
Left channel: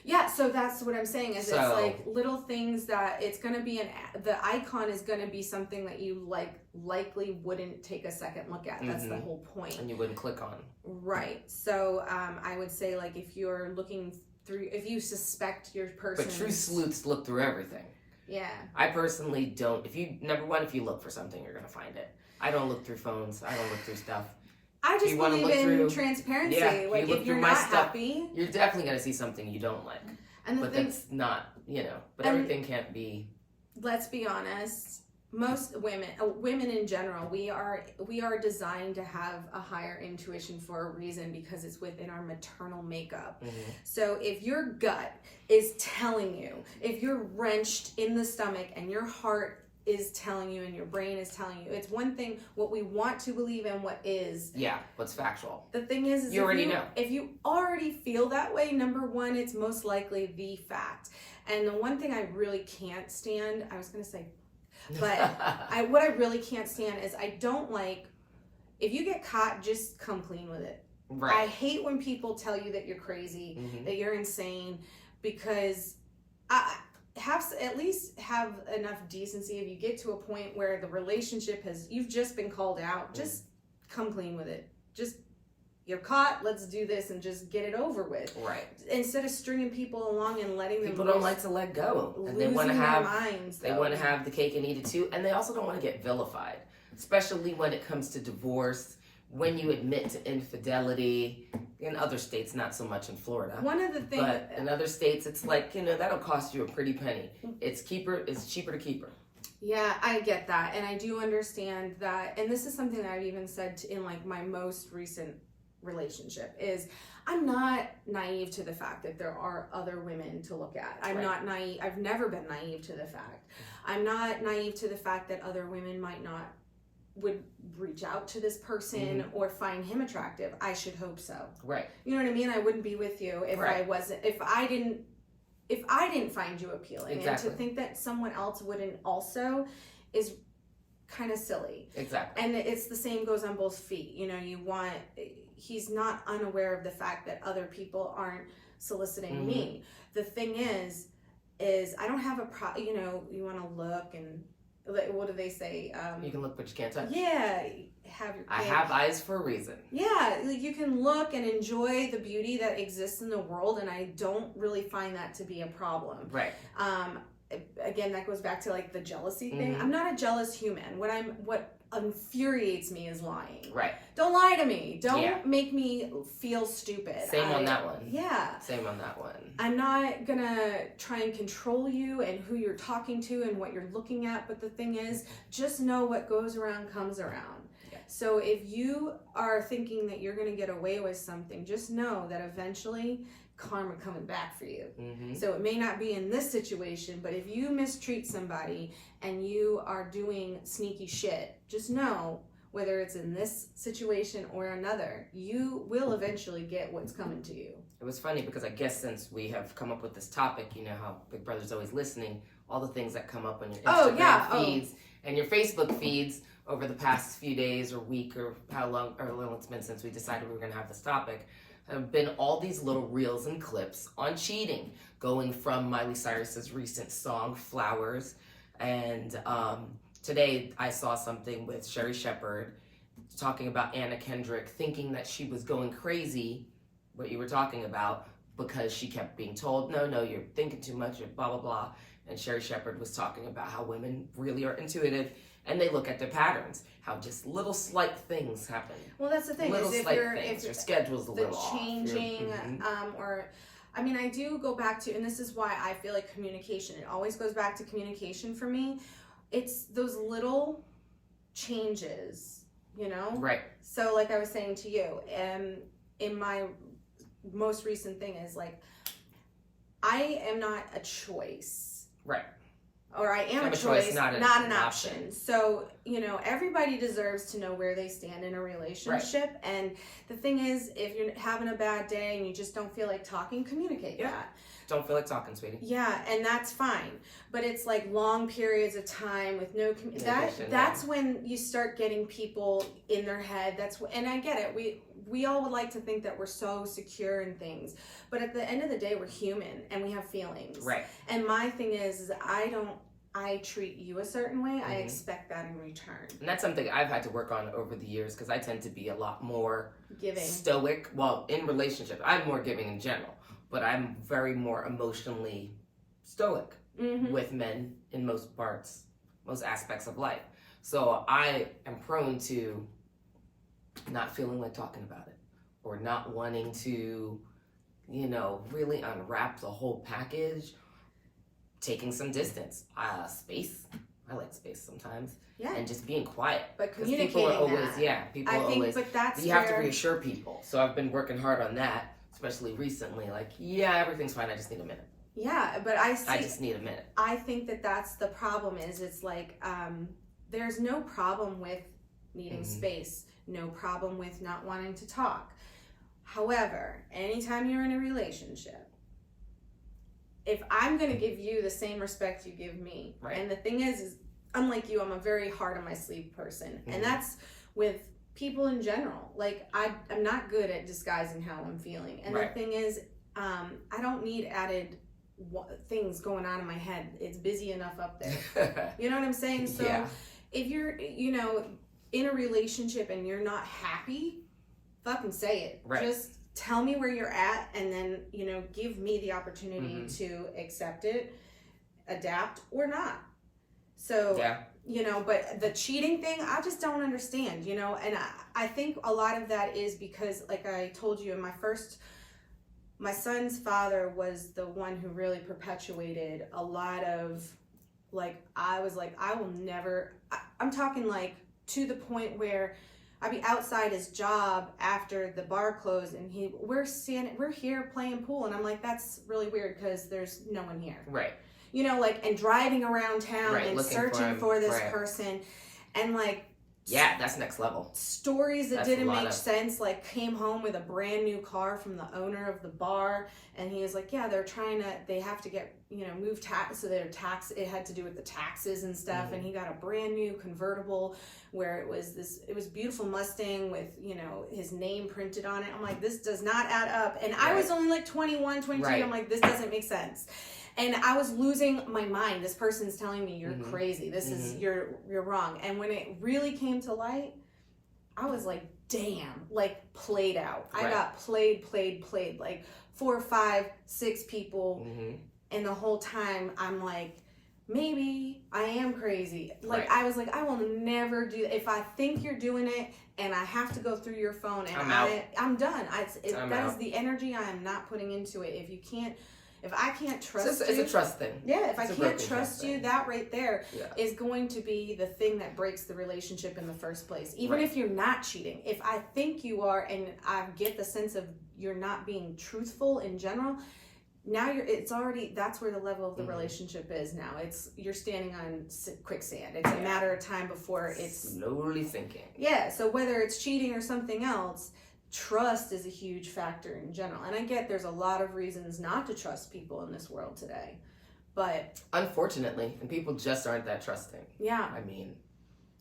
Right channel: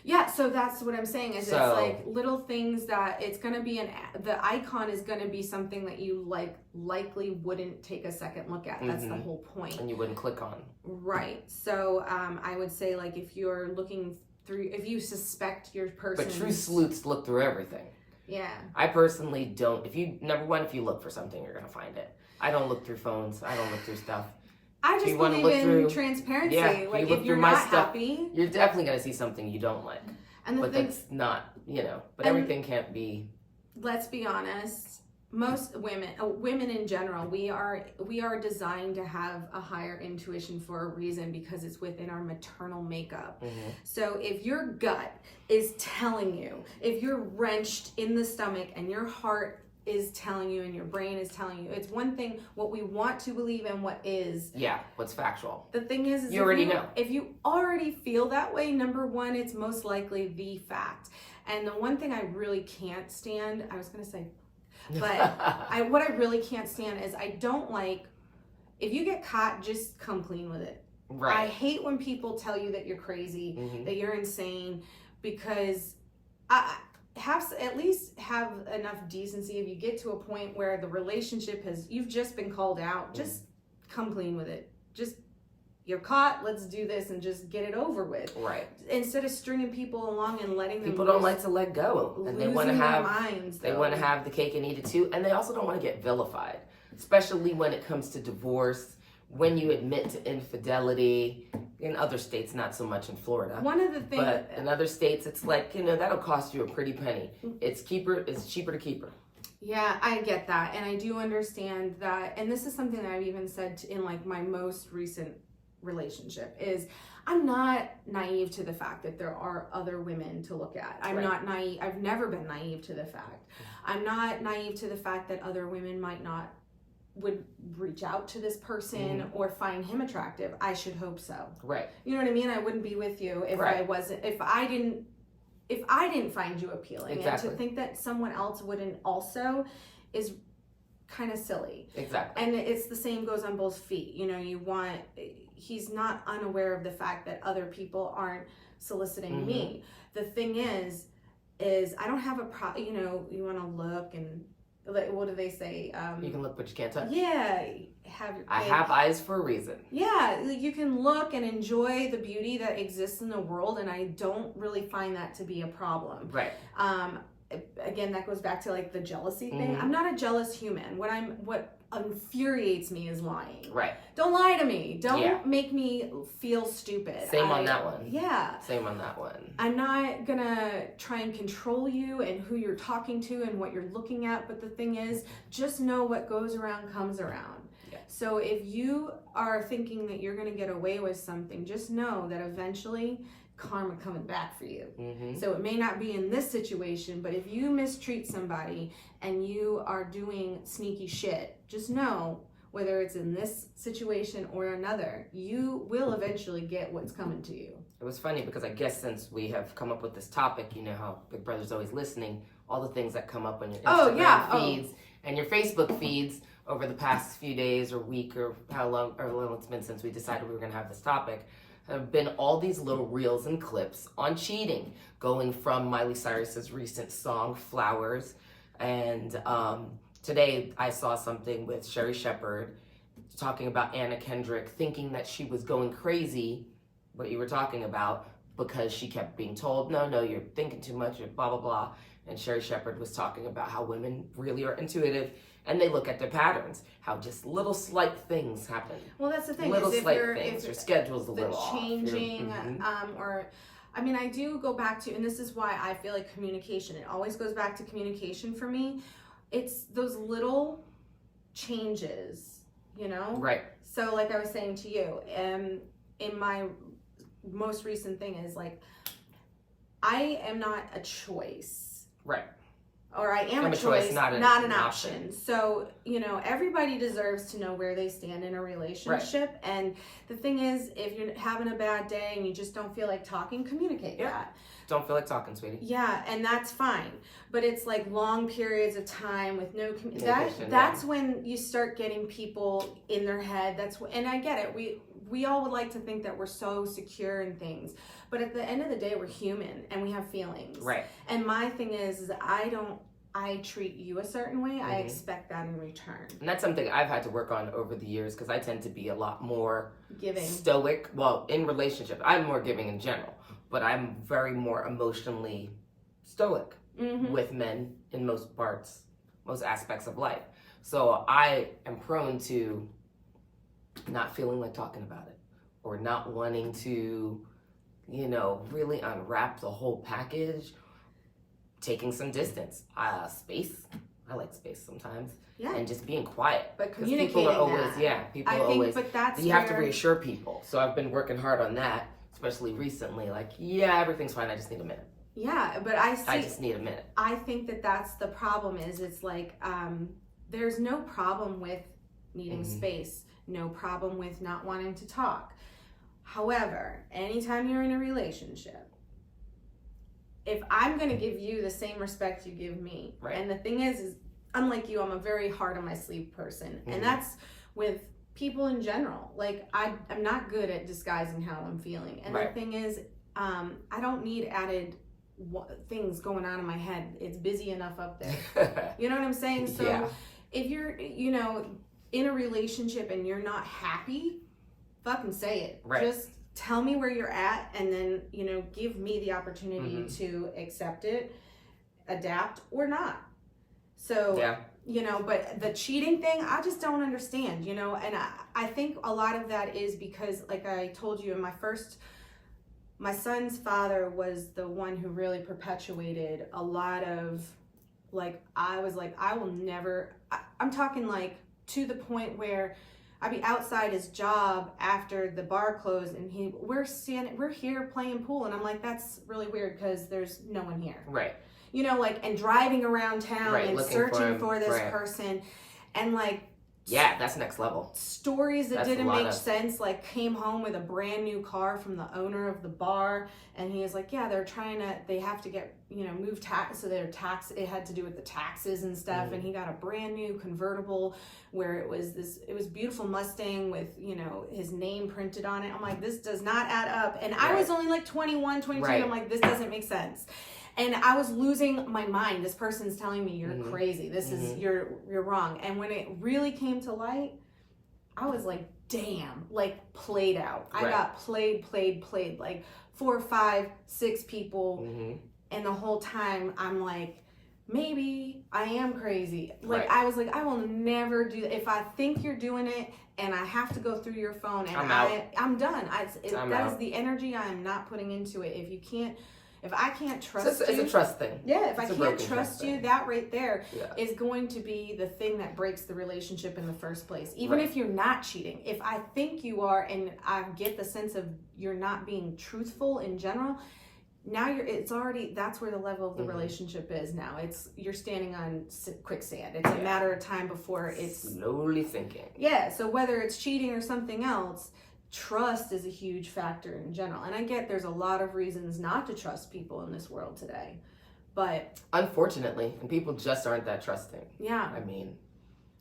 Yeah, so that's what I'm saying is it's like little things that it's going to be the icon is going to be something that you likely wouldn't take a second look at. That's the whole point. And you wouldn't click on. Right. So I would say, like, if you're looking through, if you suspect your person. But true sleuths look through everything. Yeah. I personally don't. If you look for something, you're going to find it. I don't look through phones. I don't look through stuff. I just believe in transparency. Yeah, like, if you're not happy, you're definitely going to see something you don't like. And that's not, but everything can't be. Let's be honest. Most women in general, we are designed to have a higher intuition for a reason, because it's within our maternal makeup. So if your gut is telling you, if you're wrenched in the stomach and your heart is telling you and your brain is telling you, it's one thing what we want to believe and what is. Yeah, what's factual. The thing is you already know. If you already feel that way, number one, it's most likely the fact. And the one thing I really can't stand, I was going to say, but what I really can't stand is I don't like, if you get caught, just come clean with it. Right. I hate when people tell you that you're crazy, that you're insane, because at least have enough decency. If you get to a point where the relationship you've just been called out, just come clean with it. Just, you're caught, let's do this and just get it over with. Right. Instead of stringing people along and letting them. People don't like to let go, and they want to have the cake and eat it too, and they also don't want to get vilified, especially when it comes to divorce. When you admit to infidelity, in other states, not so much in Florida. One of the things, but in other states, it's like, that'll cost you a pretty penny. It's cheaper to keep her. Yeah, I get that, and I do understand that. And this is something that I've even said in like my most recent relationship is I'm not naive to the fact that there are other women to look at. I'm not naive. I've never been naive to the fact. I'm not naive to the fact that other women would reach out to this person or find him attractive. I should hope so. Right. You know what I mean? I wouldn't be with you if I didn't find you appealing. Exactly. And to think that someone else wouldn't also is kind of silly. Exactly. And it's the same goes on both feet. You know, he's not unaware of the fact that other people aren't soliciting me. The thing is I don't have you want to look and what do they say? You can look, but you can't touch. Yeah. I have eyes for a reason. Yeah. You can look and enjoy the beauty that exists in the world. And I don't really find that to be a problem. Right. Again, that goes back to like the jealousy thing. I'm not a jealous human. What infuriates me is lying. Right. Don't lie to me. Don't make me feel stupid. Same on that one. Yeah. Same on that one. I'm not gonna try and control you and who you're talking to and what you're looking at, but the thing is, just know what goes around comes around. Yeah. So if you are thinking that you're gonna get away with something, just know that eventually karma coming back for you. So it may not be in this situation, but if you mistreat somebody and you are doing sneaky shit, just know whether it's in this situation or another, you will eventually get what's coming to you. It was funny because I guess since we have come up with this topic, you know how Big Brother's always listening, all the things that come up on your Instagram feeds and your Facebook feeds over the past few days or week or how long it's been since we decided we were going to have this topic, have been all these little reels and clips on cheating, going from Miley Cyrus's recent song Flowers, and today I saw something with Sherry Shepherd talking about Anna Kendrick, thinking that she was going crazy, what you were talking about, because she kept being told, no, you're thinking too much, you're blah, blah, blah. And Sherry Shepherd was talking about how women really are intuitive and they look at their patterns, how just little slight things happen. Well, that's the thing. Little is slight things, your schedule's a little changing, off. I do go back to, and this is why I feel like communication, it always goes back to communication for me. It's those little changes, you know? Right. So like I was saying to you, in my most recent thing is like, I am not a choice. Right. Or I am a choice, not an option. So, you know, everybody deserves to know where they stand in a relationship. Right. And the thing is, if you're having a bad day and you just don't feel like talking, communicate that. Don't feel like talking, sweetie. Yeah, and that's fine. But it's like long periods of time with no that's when you start getting people in their head. And I get it. We all would like to think that we're so secure in things. But at the end of the day, we're human and we have feelings. Right. And my thing is I treat you a certain way, I expect that in return. And that's something I've had to work on over the years because I tend to be a lot more giving, stoic. Well, in relationships, I'm more giving in general, but I'm very more emotionally stoic with men in most aspects of life. So I am prone to not feeling like talking about it or not wanting to, you know, really unwrap the whole package. Taking some distance, space. I like space sometimes. Yeah. And just being quiet. But communicating people are always, but that's you have to reassure people. So I've been working hard on that, especially recently. Like, everything's fine. I just need a minute. Yeah, but I just need a minute. I think that's the problem is it's like, there's no problem with needing space. No problem with not wanting to talk. However, anytime you're in a relationship, if I'm going to give you the same respect you give me, and the thing is unlike you, I'm a very hard on my sleeve person, and that's with people in general. Like, I'm not good at disguising how I'm feeling, and the thing is, I don't need added things going on in my head. It's busy enough up there. You know what I'm saying? So if you're, you know, in a relationship and you're not happy, fucking say it. Just tell me where you're at, and then, you know, give me the opportunity to accept it, adapt, or not. So, you know, but the cheating thing, I just don't understand, you know, and I think a lot of that is because, like I told you, my son's father was the one who really perpetuated a lot of, like, I was like, I will never, I'm talking like to the point where I'd be outside his job after the bar closed, and we're here playing pool, and I'm like, that's really weird because there's no one here. Right. You know, like, and driving around town and searching for this right. person, and like, yeah, that's next level. Stories that didn't make sense, like came home with a brand new car from the owner of the bar, and he was like, yeah, they have to get, move tax, so it had to do with the taxes and stuff, and he got a brand new convertible where it was beautiful Mustang with, his name printed on it. I'm like, this does not add up. And I was only like 21, 22. Right. I'm like, this doesn't make sense. And I was losing my mind. This person's telling me you're crazy. This is, you're wrong. And when it really came to light, I was like, damn, like played out. Right. I got played, like 4, 5, 6 people. And the whole time I'm like, maybe I am crazy. Like, I was like, I will never do, if I think you're doing it and I have to go through your phone and I'm done. That is the energy I am not putting into it. If I can't trust you. It's a trust thing. Yeah, if I can't trust you, that right there is going to be the thing that breaks the relationship in the first place. Even if you're not cheating. If I think you are and I get the sense of you're not being truthful in general, now that's where the level of the relationship is now. You're standing on quicksand. It's a matter of time before it's slowly sinking. Yeah, so whether it's cheating or something else, trust is a huge factor in general. And I get there's a lot of reasons not to trust people in this world today. But unfortunately, and people just aren't that trusting. Yeah. I mean,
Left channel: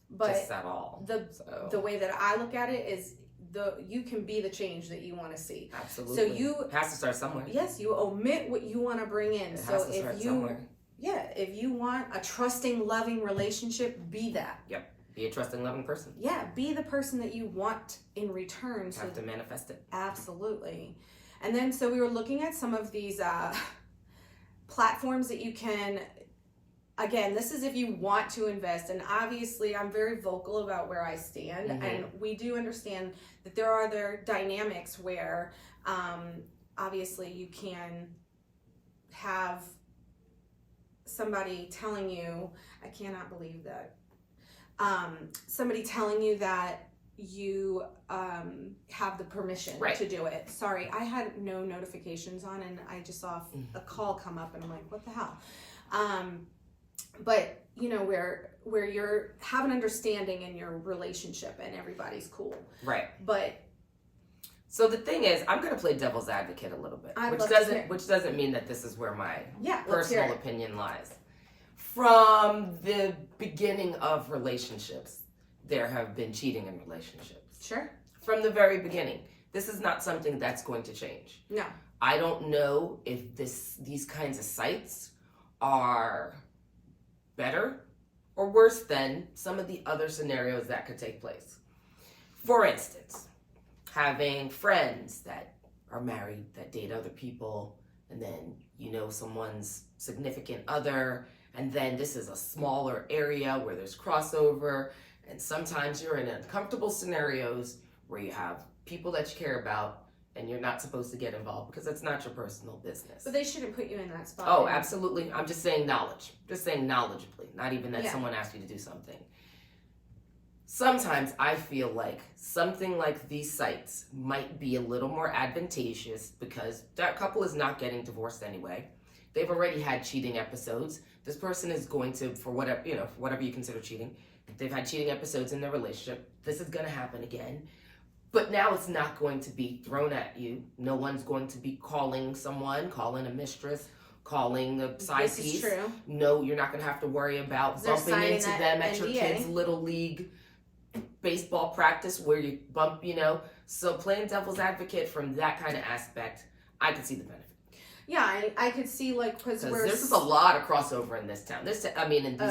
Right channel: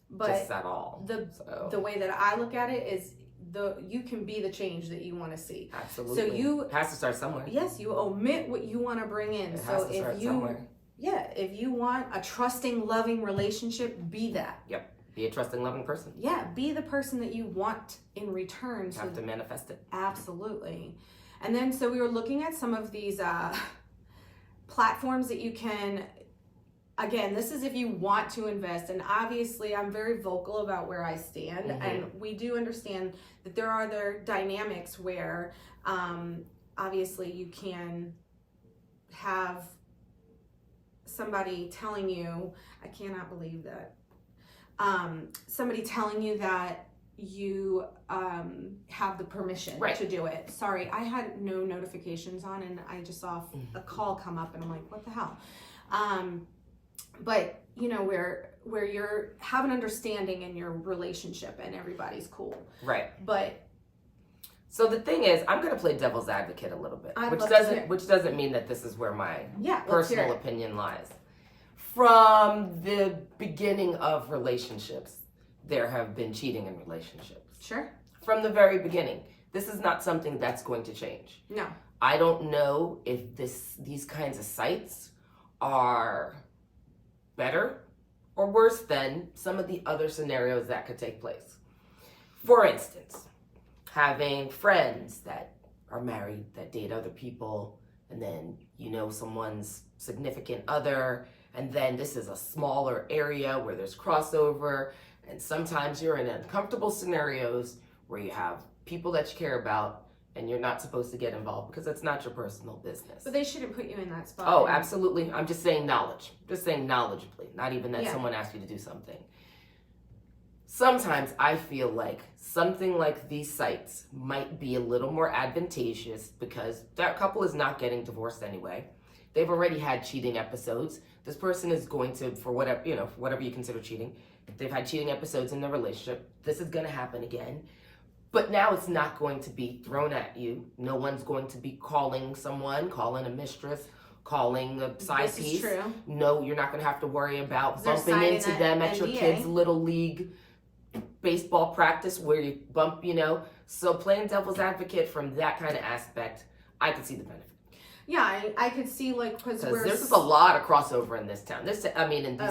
but just at all. The way that I look at it is you can be the change that you want to see. Absolutely. So it has to start somewhere. Yes, you omit what you want to bring in. It has to start somewhere. Yeah, if you want a trusting, loving relationship, be that. Yep. Be a trusting, loving person. Yeah, be the person that you want in return. You have to manifest it. Absolutely. And then, so we were looking at some of these platforms that you can, again, this is if you want to invest. And obviously, I'm very vocal about where I stand. And we do understand that there are other dynamics where, obviously, you can have somebody telling you, I cannot believe that. Somebody telling you that you have the permission to do it. Sorry, I had no notifications on and I just saw a call come up and I'm like, what the hell? But where you're have an understanding in your relationship and everybody's cool. Right. But so the thing is, I'm going to play devil's advocate a little bit, which doesn't mean that this is where my personal opinion lies. From the beginning of relationships, there have been cheating in relationships. Sure. From the very beginning. This is not something that's going to change. No. I don't know if these kinds of sites are better or worse than some of the other scenarios that could take place. For instance, having friends that are married, that date other people, and then someone's significant other, and then this is a smaller area where there's crossover, and sometimes you're in uncomfortable scenarios where you have people that you care about and you're not supposed to get involved because it's not your personal business. But they shouldn't put you in that spot. Oh, absolutely. I'm just saying knowledge. Just saying knowledgeably, not even that someone asked you to do something. Sometimes I feel like something like these sites might be a little more advantageous because that couple is not getting divorced anyway. They've already had cheating episodes. This person is going to, for whatever you consider cheating, they've had cheating episodes in their relationship. This is going to happen again. But now it's not going to be thrown at you. No one's going to be calling a mistress, calling the side piece. This is true. No, you're not going to have to worry about bumping into them at your kids' little league baseball practice where you bump, So playing devil's advocate from that kind of aspect, I could see the benefit. Yeah, I could see because this is a lot of crossover in this town. In this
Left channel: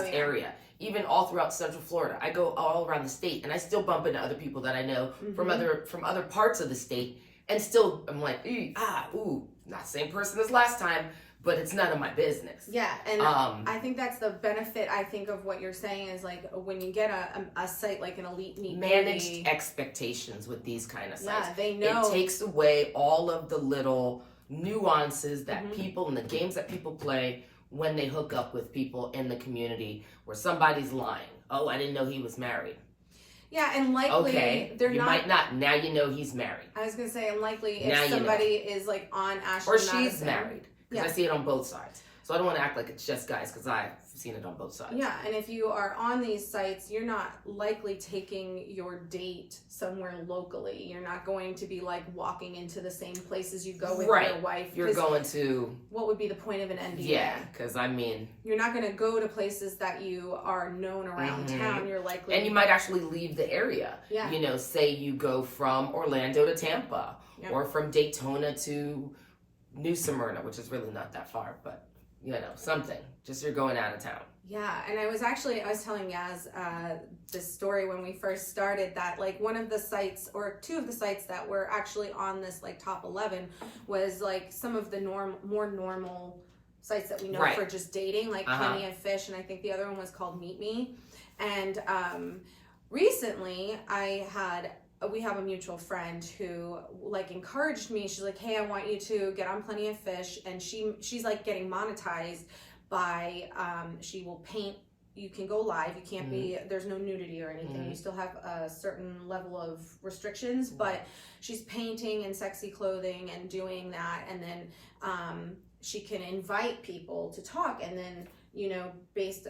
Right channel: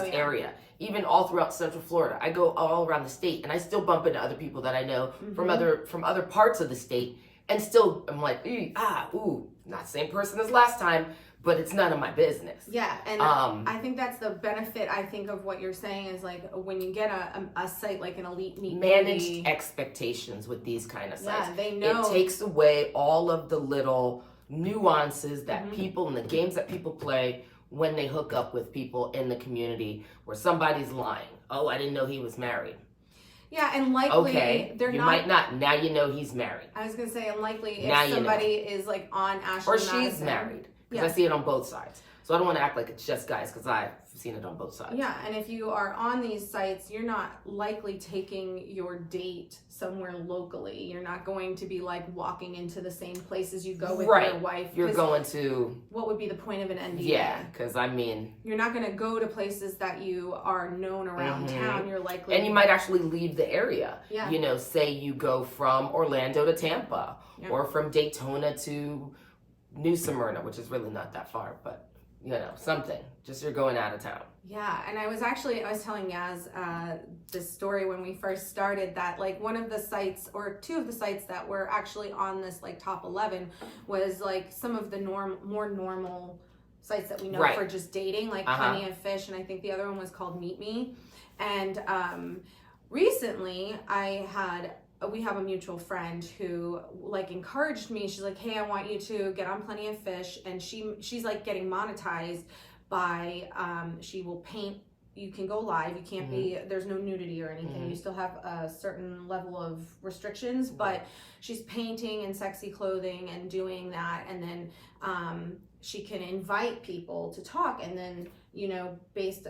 area, even all throughout Central Florida. I go all around the state, and I still bump into other people that I know from other parts of the state, and still I'm like, not the same person as last time, but it's none of my business. Yeah, and I think that's the benefit. I think of what you're saying is like when you get a site like an elite neat managed expectations with these kind of sites. Yeah, they know it takes away all of the little nuances that people and the games that people play when they hook up with people in the community where somebody's lying. Oh, I didn't know he was married. Yeah, and likely Okay, they're you not. might not. Now you know he's married. I was gonna say, and likely Now if you know. somebody is like on Ashley Or Madison, she's married. Because Yeah. I see it on both sides. So I don't want to act like it's just guys because I've seen it on both sides. Yeah, and if you are on these sites, you're not likely taking your date somewhere locally. You're not going to be like walking into the same places you go with Right. your wife. You're 'cause going to, what would be the point of an NDA? yeah, because I mean, You're not going to go to places that you are known around Mhm. town. You're likely. and you might actually leave the area. Yeah. You know, say you go from Orlando to Tampa Yeah. or from Daytona to New Smyrna, which is really not that far, but you know, something. Just you're going out of town. Yeah, and I was telling Yaz this story when we first started that like one of the sites or two of the sites that were actually on this like top 11 was like some of the more normal sites that we know Right. for just dating, like Uh-huh. Plenty of Fish, and I think the other one was called Meet Me. And recently we have a mutual friend who like encouraged me. She's like, hey, I want you to get on Plenty of Fish, and she's like getting monetized by she will paint. You can go live, you can't be, there's no nudity or anything, you still have a certain level of restrictions, but she's painting in sexy clothing and doing that, and then she can invite people to talk, and then you know,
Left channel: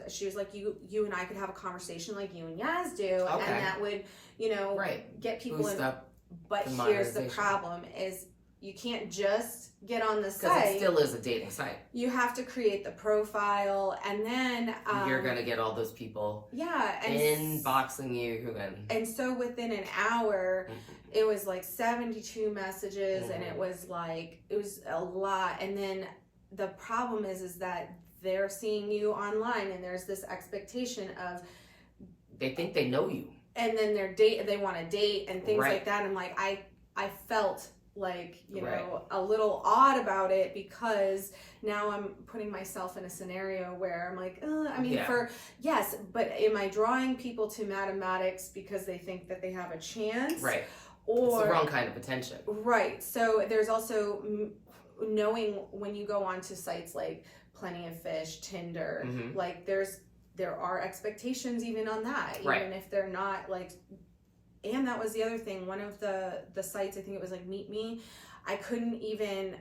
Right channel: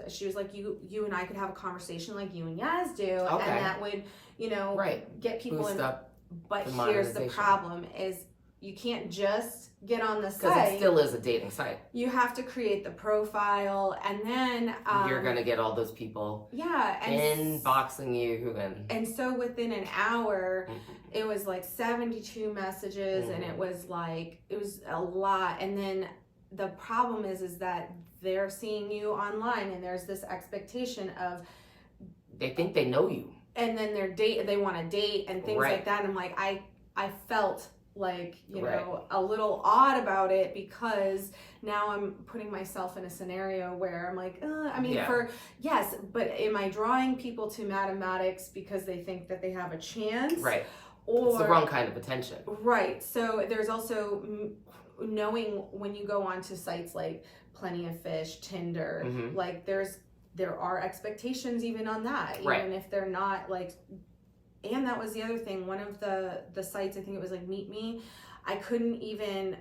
she was like, you and I could have a conversation like you and Yaz do, Okay. and that would, you know, Right. get people Boost in. up But the here's the monetization. problem: is you can't just get on the because site. it still is a dating site. You have to create the profile, and then You're gonna get all those people yeah, and inboxing you and so within an hour, Mhm. it was like 72 messages, and it was a lot. And then the problem is that they're seeing you online, and there's this expectation of, they think they know you. and then they want to date and things Right. like that. And I'm like, I felt like, you Right. know, a little odd about it, because now I'm putting myself in a scenario where I'm like, I mean, Yeah. yes, but am I drawing people to mathematics because they think that they have a chance? Right. Or It's the wrong kind of attention. right. So there's also knowing when you go onto sites like Plenty of Fish, Tinder, Mhm. like there are expectations even on that, Right. even if they're not like. And that was the other thing. One of the sites, I think it was like Meet Me, I couldn't even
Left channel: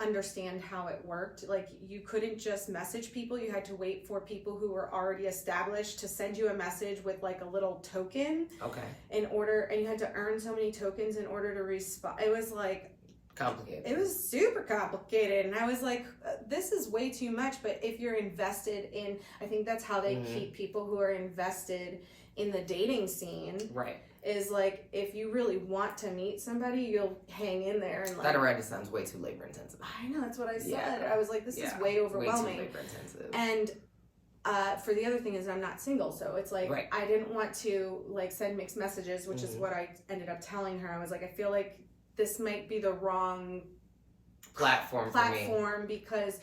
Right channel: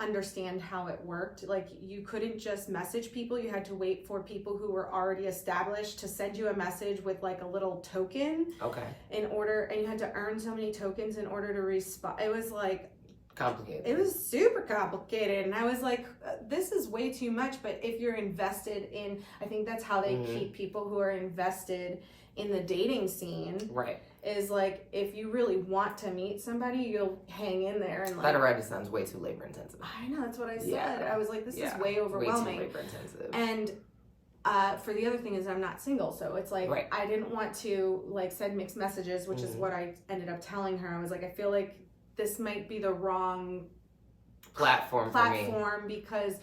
understand how it worked. Like you couldn't just message people. You had to wait for people who were already established to send you a message with like a little token Okay. and you had to earn so many tokens in order to respond. It was like, Complicated. it was super complicated, and I was like, this is way too much. But if you're invested in, I think that's how they keep people who are invested in the dating scene. Right. Is like, if you really want to meet somebody, you'll hang in there and like. That already sounds way too labor intensive. I know, that's what I said. Yeah. I was like, this is way Way overwhelming. too labor intensive. And for the other thing is I'm not single, so it's like Right. I didn't want to like send mixed messages, which is what I ended up telling her. I was like, I feel like this might be the wrong platform for me. because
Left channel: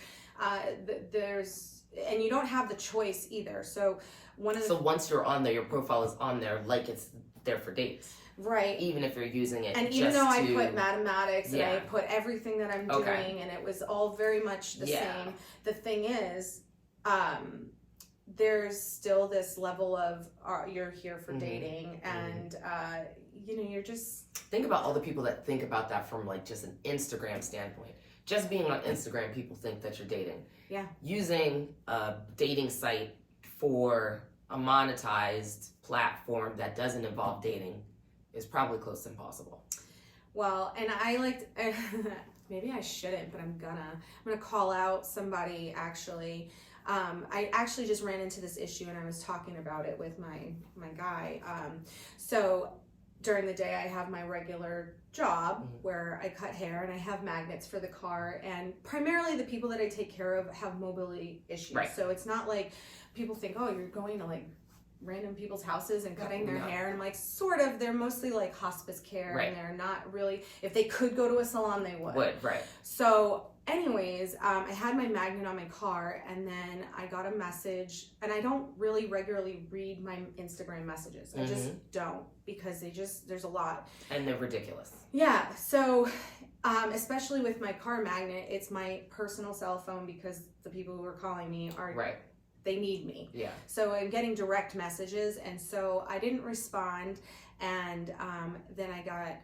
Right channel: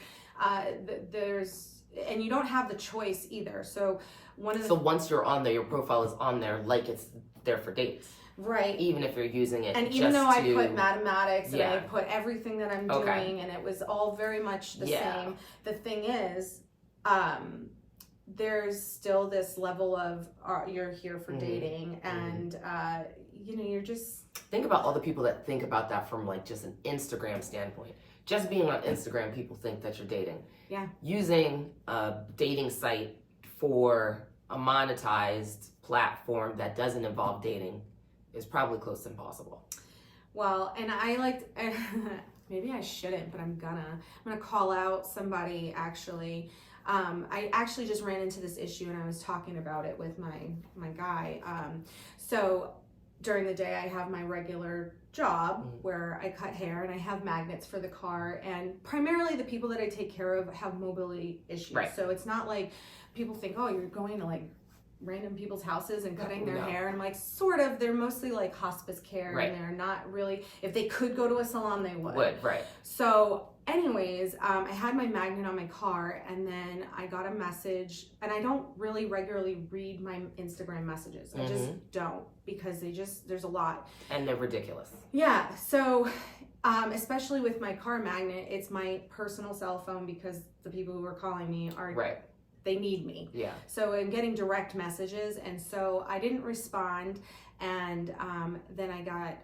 there's, and you don't have the choice either. So one of the So once you're on there, your profile is on there like it's there for dates. right. Even if you're using it And just even though I to- put mathematics and I Yeah. put everything that I'm Okay. doing, and it was all very much the Yeah. same. The thing is, there's still this level of you're here for dating, and you know, you're just Think about all the people that think about that from like just an Instagram standpoint. Just being on Instagram, people think that you're dating. Yeah. Using a dating site for a monetized platform that doesn't involve dating is probably close to impossible. well, and I liked. Maybe I shouldn't, but I'm gonna call out somebody actually. I actually just ran into this issue, and I was talking about it with my guy. So during the day, I have my regular job where I cut hair, and I have magnets for the car, and primarily the people that I take care of have mobility issues. Right. So it's not like people think, oh, you're going to like random people's houses and cutting their No. hair, and I'm like, sort of. They're mostly like hospice care, Right. and they're not really, if they could go to a salon, they would. Right. So anyways, I had my magnet on my car, and then I got a message, and I don't really regularly read my Instagram messages. I just don't, because there's a lot. And they're ridiculous. Yeah, so especially with my car magnet, it's my personal cell phone, because the people who are calling me are Right. they need me. Yeah. So I'm getting direct messages, and so I didn't respond, and then I got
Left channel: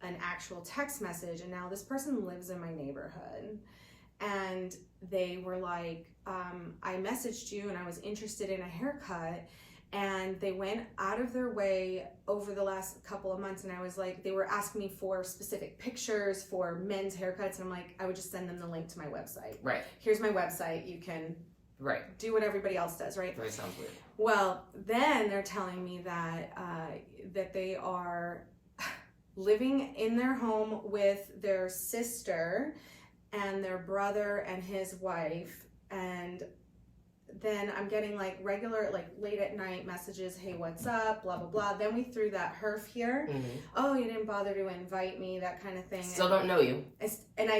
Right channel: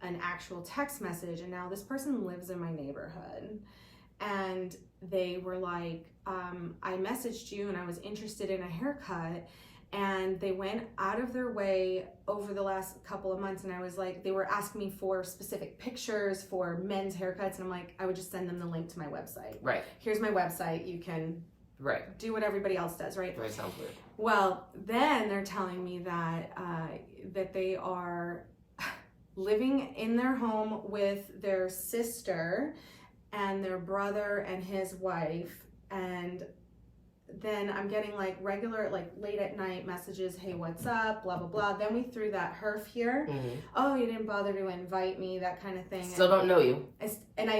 an actual text message, and now this person lives in my neighborhood, and they were like, I messaged you and I was interested in a haircut, and they went out of their way over the last couple of months, and I was like, they were asking me for specific pictures for men's haircuts, and I'm like, I would just send them the link to my website. Right. Here's my website, you can do what everybody else does, right? Right, sounds weird. Well, then they're telling me that that they are living in their home with their sister and their brother and his wife, and then I'm getting like regular, like late at night messages, hey, what's up, blah, blah, blah. Then we threw that herf here. Oh, you didn't bother to invite me, that kind of thing. Still don't know you. And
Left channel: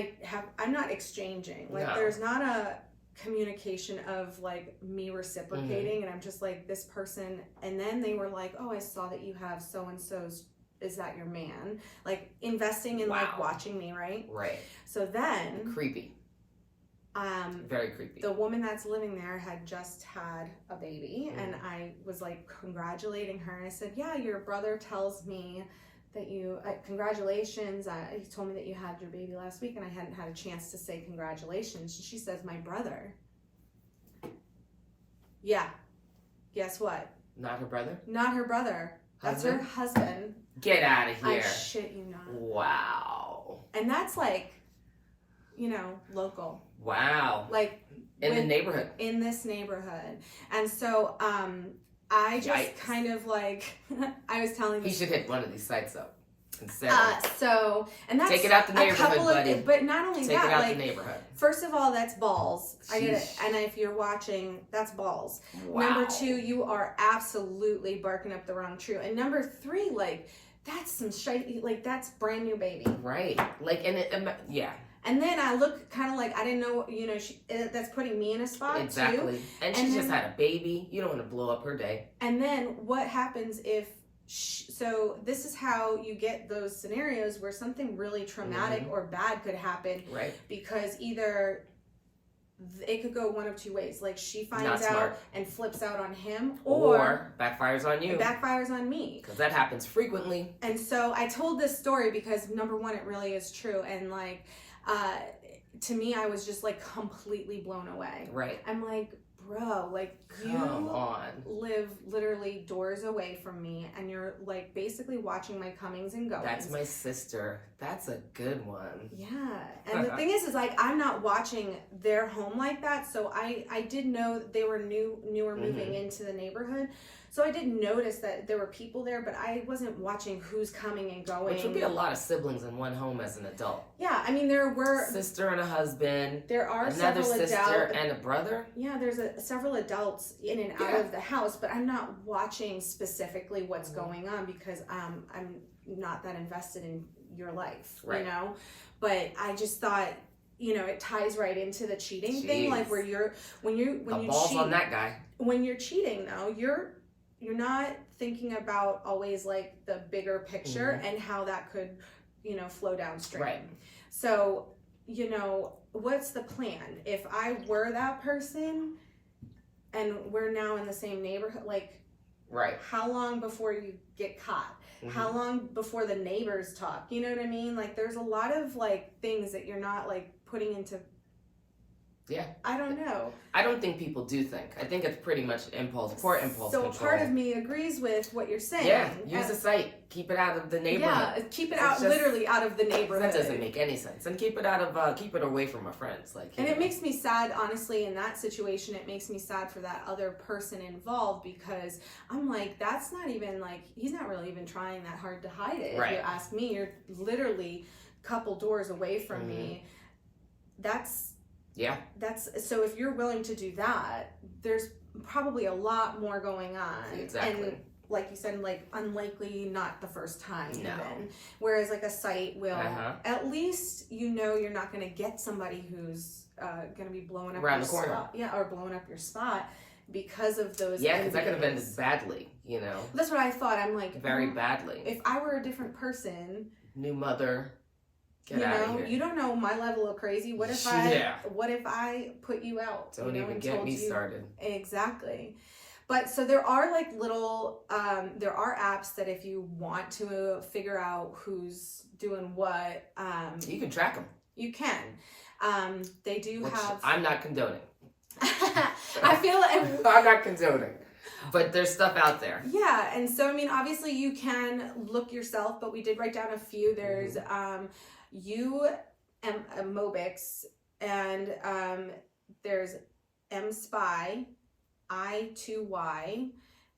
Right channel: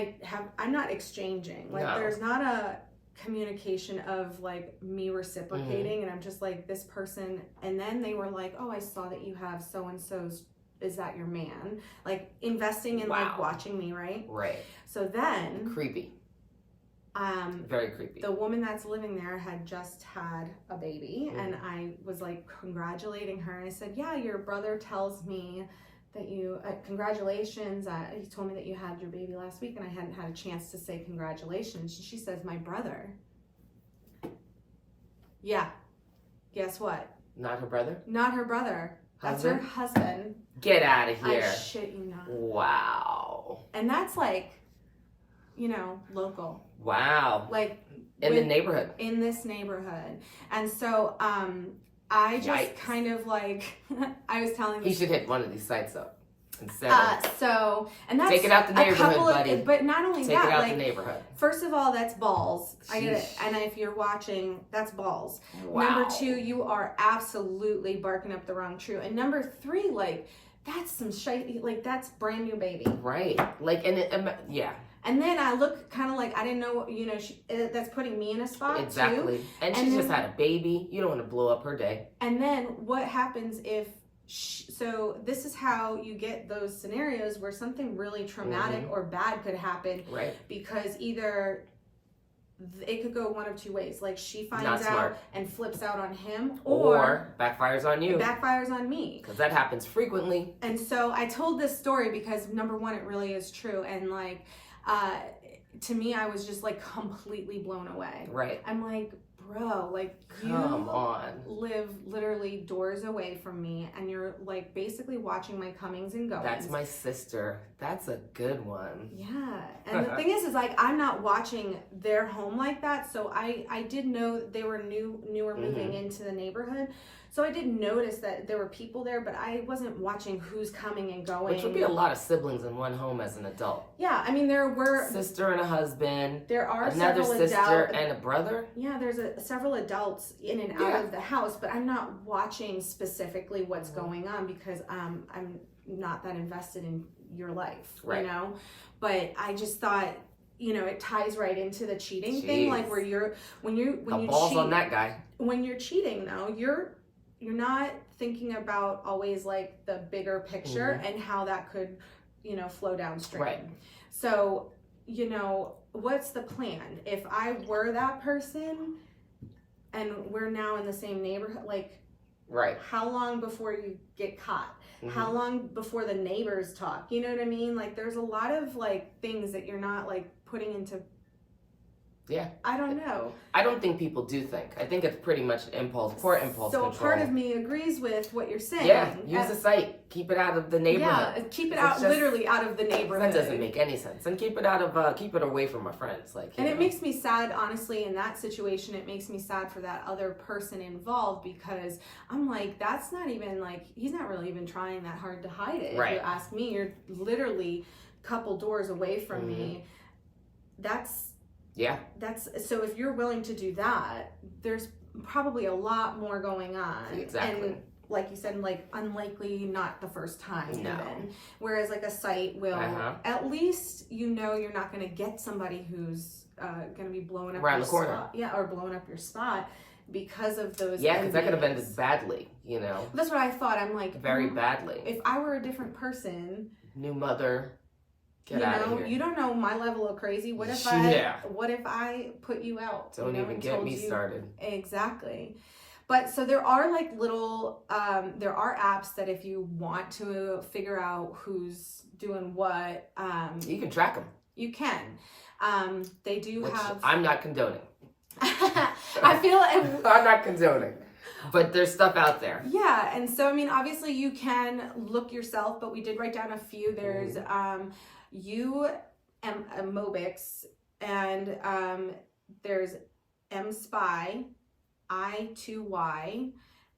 I'm not exchanging. Like, there's not a communication of like me reciprocating, and I'm just like, this person. And then they were like, oh, I saw that you have so-and-so's, is that your man? Like, investing in like watching me, right? Right. So then creepy. Very creepy. The woman that's living there had just had a baby, and I was like congratulating her, and I said, yeah, your brother tells me that you, congratulations, he told me that you had your baby last week, and I hadn't had a chance to say congratulations. And she says, my brother. Yeah. Guess what? Not her brother? Not her brother. That's her husband. Get out of here. I shit you not. Wow. And that's like, you know, local. Wow. Like in the neighborhood. In this neighborhood. And so I just kind of like I was telling he should hit one of these sites up instead. And that's take it out the neighborhood, buddy. But not only take that, it out like, the neighborhood. First of all, that's balls. Sheesh. I get it. And if you're watching, that's balls. Wow. Number 2, you are absolutely barking up the wrong tree. And number 3, like, that's some shit. Like, that's brand new baby. Right. Like, yeah. And then I look kind of like, I didn't know, you know, that's putting me in a spot exactly. too. And she just had a baby. You don't want to blow up her day. And then what happens if, so this is how you get those scenarios where something really traumatic or bad could happen. Right. Because either it could go one of 2 ways. Like, she finds out and flips out on him, or backfires on you. Backfires on me. Because that happens frequently. And so I told this story because, number 1, it really is true. And like, to me, I was just like completely blown away. Right. I'm like, bro, like, come on, live literally doors away from me, and you're like basically watching my comings and goings. That's my sister. That's a good one. Yeah. And the thing is like, I'm not watching their home like that. So I did know they were newer moving into the neighborhood. So I did notice that there were people there, but I wasn't watching who's coming and going. Which would be a lot of siblings in one home as an adult. Yeah, I mean, there were sister and a husband. There are another several sister adults and a brother. Yeah, there's several adults in and out of the house, but I'm not watching specifically what's going on because I'm not that invested in your life, you know. But I just thought, you know, it ties right into the cheating thing, like where when you balls cheat on that guy. When you're cheating, though, you're not thinking about always like the bigger picture and how that could, you know, flow downstream. Right. So, you know, what's the plan? If I were that person and we're now in the same neighborhood, like, how long before you get caught? How long before the neighbors talk? You know what I mean? Like, there's a lot of like things that you're not like putting into. Yeah. I don't know. I don't think people do think. I think it's pretty much impulse control. So part of me agrees with what you're saying. Yeah, use the site. Keep it out of the neighborhood. Yeah, keep it out, literally out of the neighborhood. That doesn't make any sense. And keep it away from my friends. Like, and it makes me sad, honestly, in that situation. It makes me sad for that other person involved because I'm like, that's not even like, he's not really even trying that hard to hide it. If you ask me, you're literally a couple doors away from me. That's so if you're willing to do that, there's probably a lot more going on. Exactly. And like you said, like unlikely not the first time even. Whereas like a site will at least, you know, you're not going to get somebody who's going to be blowing up around your the corner. spot. Yeah, or blowing up your spot because of those. Yeah, because that could have ended badly, you know. That's what I thought. I'm like, very badly. If I were a different person, new mother, Get out of here. You don't know my level of crazy. What if I put you out? Don't even get me started. Exactly. But so there are like little, there are apps that if you want to figure out who's doing what, you can track them. You can. They do have. I'm not condoning. I feel. I'm not condoning. But there's stuff out there. Yeah, and so I mean, obviously you can look yourself, but we did write down a few. There's Mobix, and there's MSpy, I2Y,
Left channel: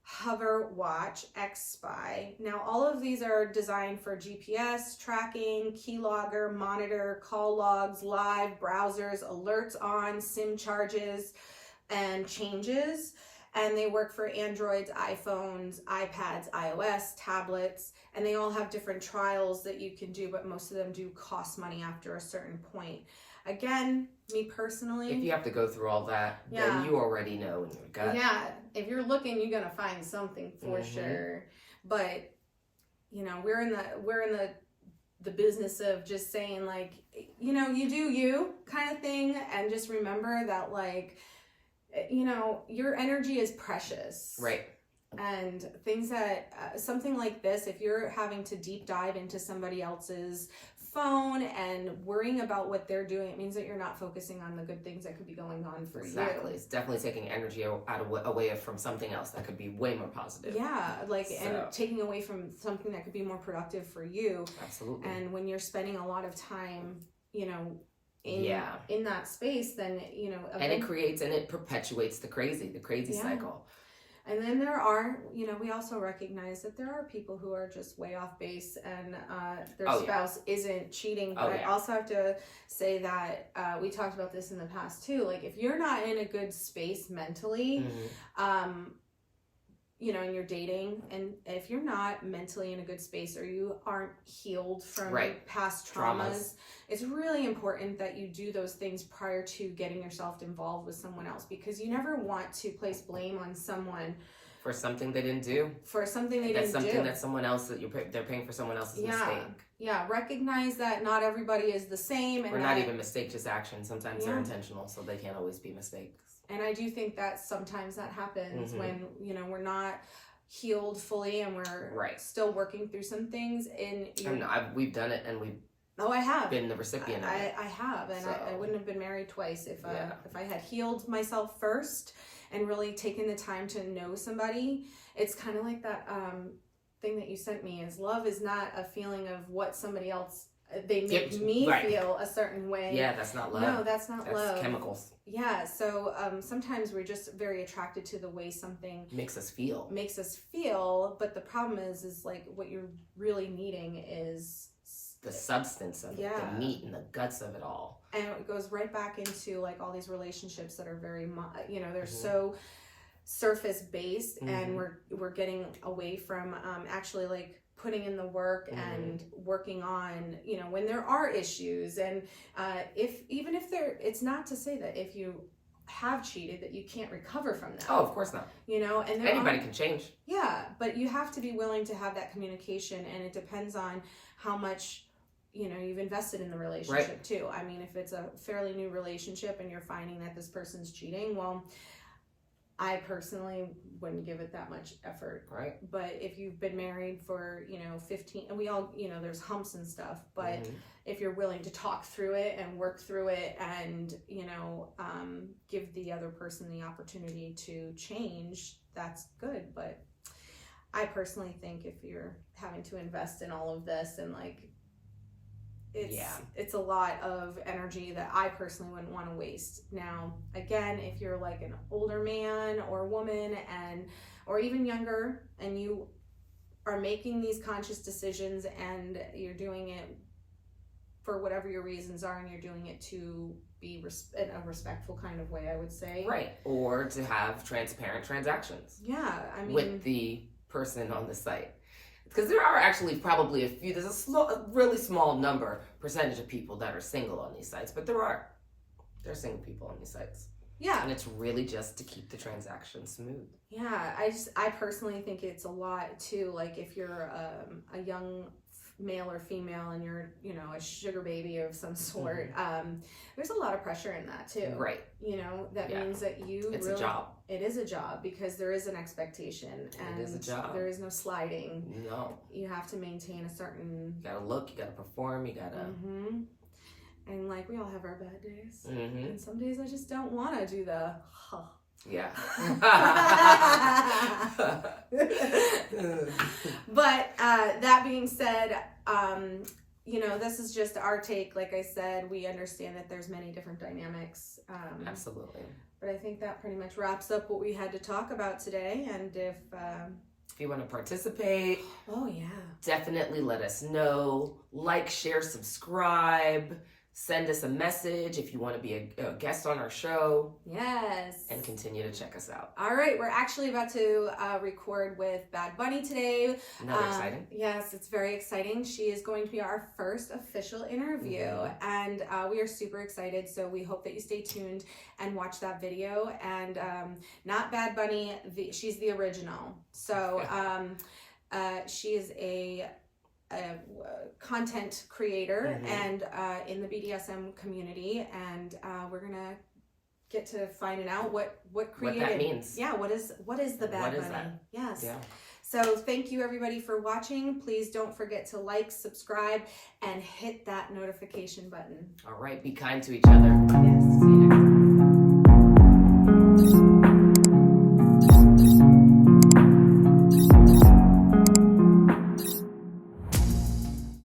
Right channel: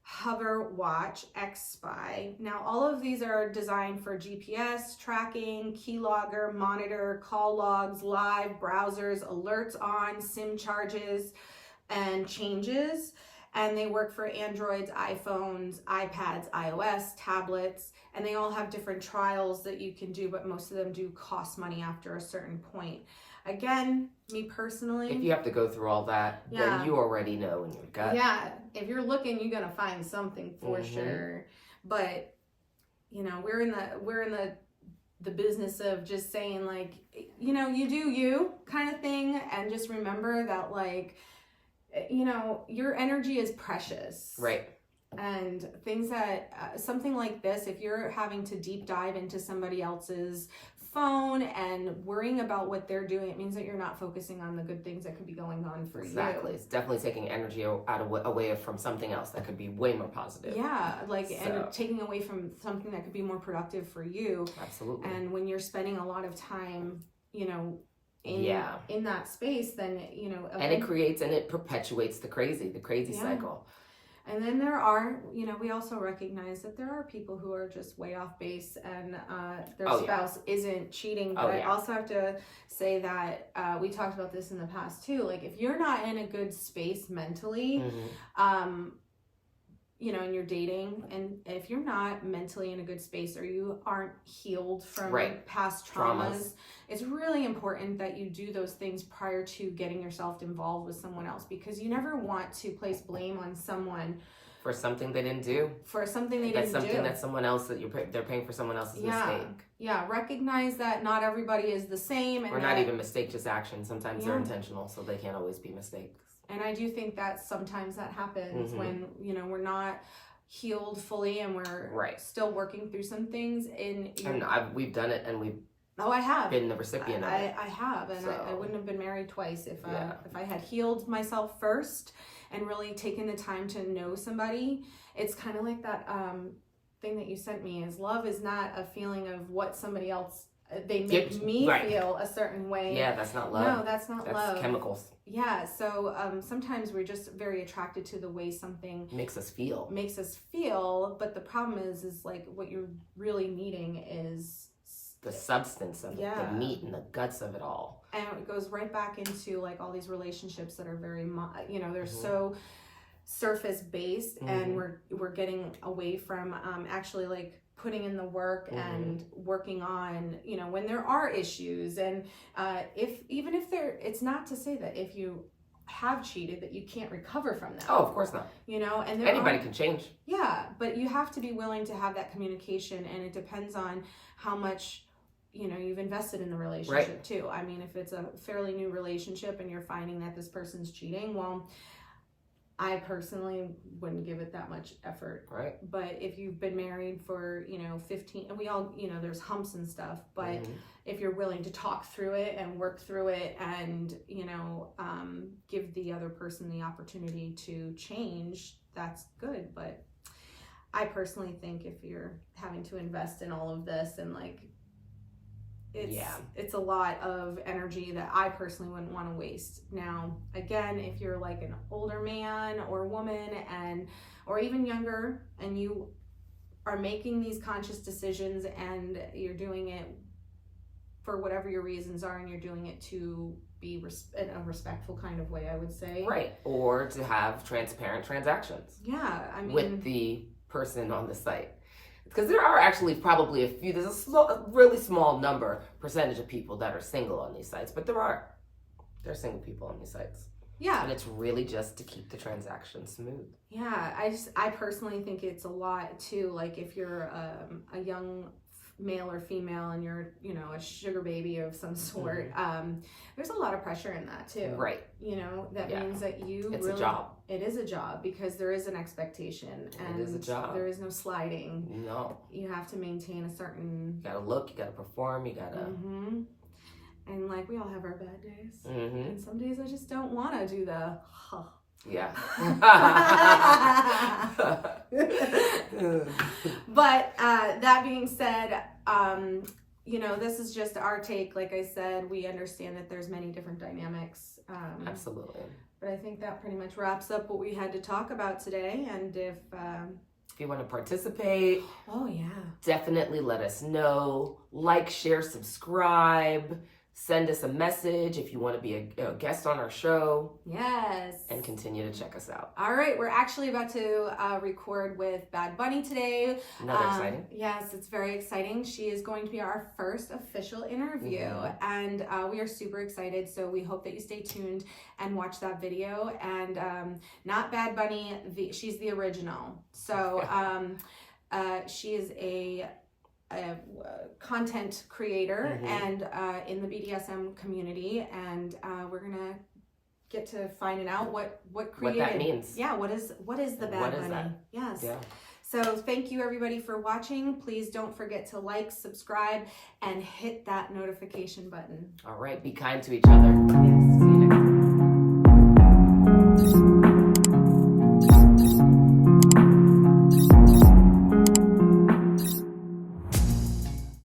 Hover Watch, XSpy. Now, all of these are designed for GPS tracking, keylogger, monitor, call logs, live, browsers, alerts on, SIM charges, and changes. And they work for Androids, iPhones, iPads, iOS, tablets, and they all have different trials that you can do, but most of them do cost money after a certain point. Again, me personally, if you have to go through all that, then you already know in your gut. Yeah, if you're looking, you're gonna find something for sure. But we're in the business of just saying like, you do you kind of thing, and just remember that like, your energy is precious. Right. And things that, something like this, if you're having to deep dive into somebody else's phone and worrying about what they're doing, it means that you're not focusing on the good things that could be going on for you. Exactly. It's definitely taking energy away from something else that could be way more positive. Yeah, and taking away from something that could be more productive for you. Absolutely. And when you're spending a lot of time, in that space, then and it perpetuates the crazy cycle. And then there are, we also recognize that there are people who are just way off base and their spouse isn't cheating. But I also have to say that we talked about this in the past too. Like if you're not in a good space mentally, and you're dating, and if you're not mentally in a good space or you aren't healed from past traumas, it's really important that you do those things prior to getting yourself involved with someone else, because you never want to place blame on someone for something they didn't do. That's something that someone else they're paying for someone else's mistake. Yeah, recognize that not everybody is the same, or not even mistake, just action. Sometimes they're intentional, so they can't always be mistakes. And I do think that sometimes that happens when, we're not healed fully and we're still working through some things. We've done it, and we've I have been the recipient of it. I have, and I wouldn't have been married twice if I had healed myself first and really taken the time to know somebody. It's kind of like that thing that you sent me, is love is not a feeling of what somebody else, they make me feel a certain way. Yeah, that's not love. No, that's love. That's chemicals. Yeah, so sometimes we're just very attracted to the way something makes us feel, but the problem is like what you're really needing is the substance of it, the meat and the guts of it all. And it goes right back into like all these relationships that are very, they're so surface based, and we're getting away from actually like putting in the work and working on, when there are issues. And it's not to say that if you have cheated that you can't recover from that. Oh, of course not. And anybody can change. Yeah, but you have to be willing to have that communication, and it depends on how much you've invested in the relationship too. I mean, if it's a fairly new relationship and you're finding that this person's cheating, well, I personally wouldn't give it that much effort. Right. But if you've been married for, 15, and we all, there's humps and stuff, but if you're willing to talk through it and work through it and, give the other person the opportunity to change, that's good. But I personally think if you're having to invest in all of this and like, it's a lot of energy that I personally wouldn't want to waste. Now, again, if you're like an older man or woman or even younger, and you are making these conscious decisions and you're doing it for whatever your reasons are, and you're doing it to be in a respectful kind of way, I would say. Right. Or to have transparent transactions. Yeah. I mean, with the person on the site. Because there are actually probably there's a really small percentage of people that are single on these sites, but there are single people on these sites. Yeah. And it's really just to keep the transaction smooth. Yeah, I personally think it's a lot too, like if you're a young male or female and you're, you know, a sugar baby of some sort, there's a lot of pressure in that too. Right. You know, that means that it's really, a job. It is a job because there is an expectation and it is a job. there is no sliding. No. You have to maintain a certain... You gotta look, you gotta perform, you gotta... And like, we all have our bad days. Mm-hmm. And some days I just don't want to do the... Yeah. But that being said, you know, this is just our take. Like I said, we understand that there's many different dynamics. Absolutely. But I think that pretty much wraps up what we had to talk about today. And if you want to participate, definitely let us know. Like, share, subscribe. Send us a message if you want to be a guest on our show. Yes. And continue to check us out. All right. We're actually about to record with Bad Bunny today. Another exciting. Yes, it's very exciting. She is going to be our first official interview. And we are super excited. So we hope that you stay tuned and watch that video. And not Bad Bunny. She's the original. So she is a content creator and in the BDSM community, and we're gonna get to finding out what created, what that means. Yeah, what is the Bad Bunny? That? Yes. Yeah. So thank you everybody for watching. Please don't forget to like, subscribe, and hit that notification button. All right, be kind to each other. Yes.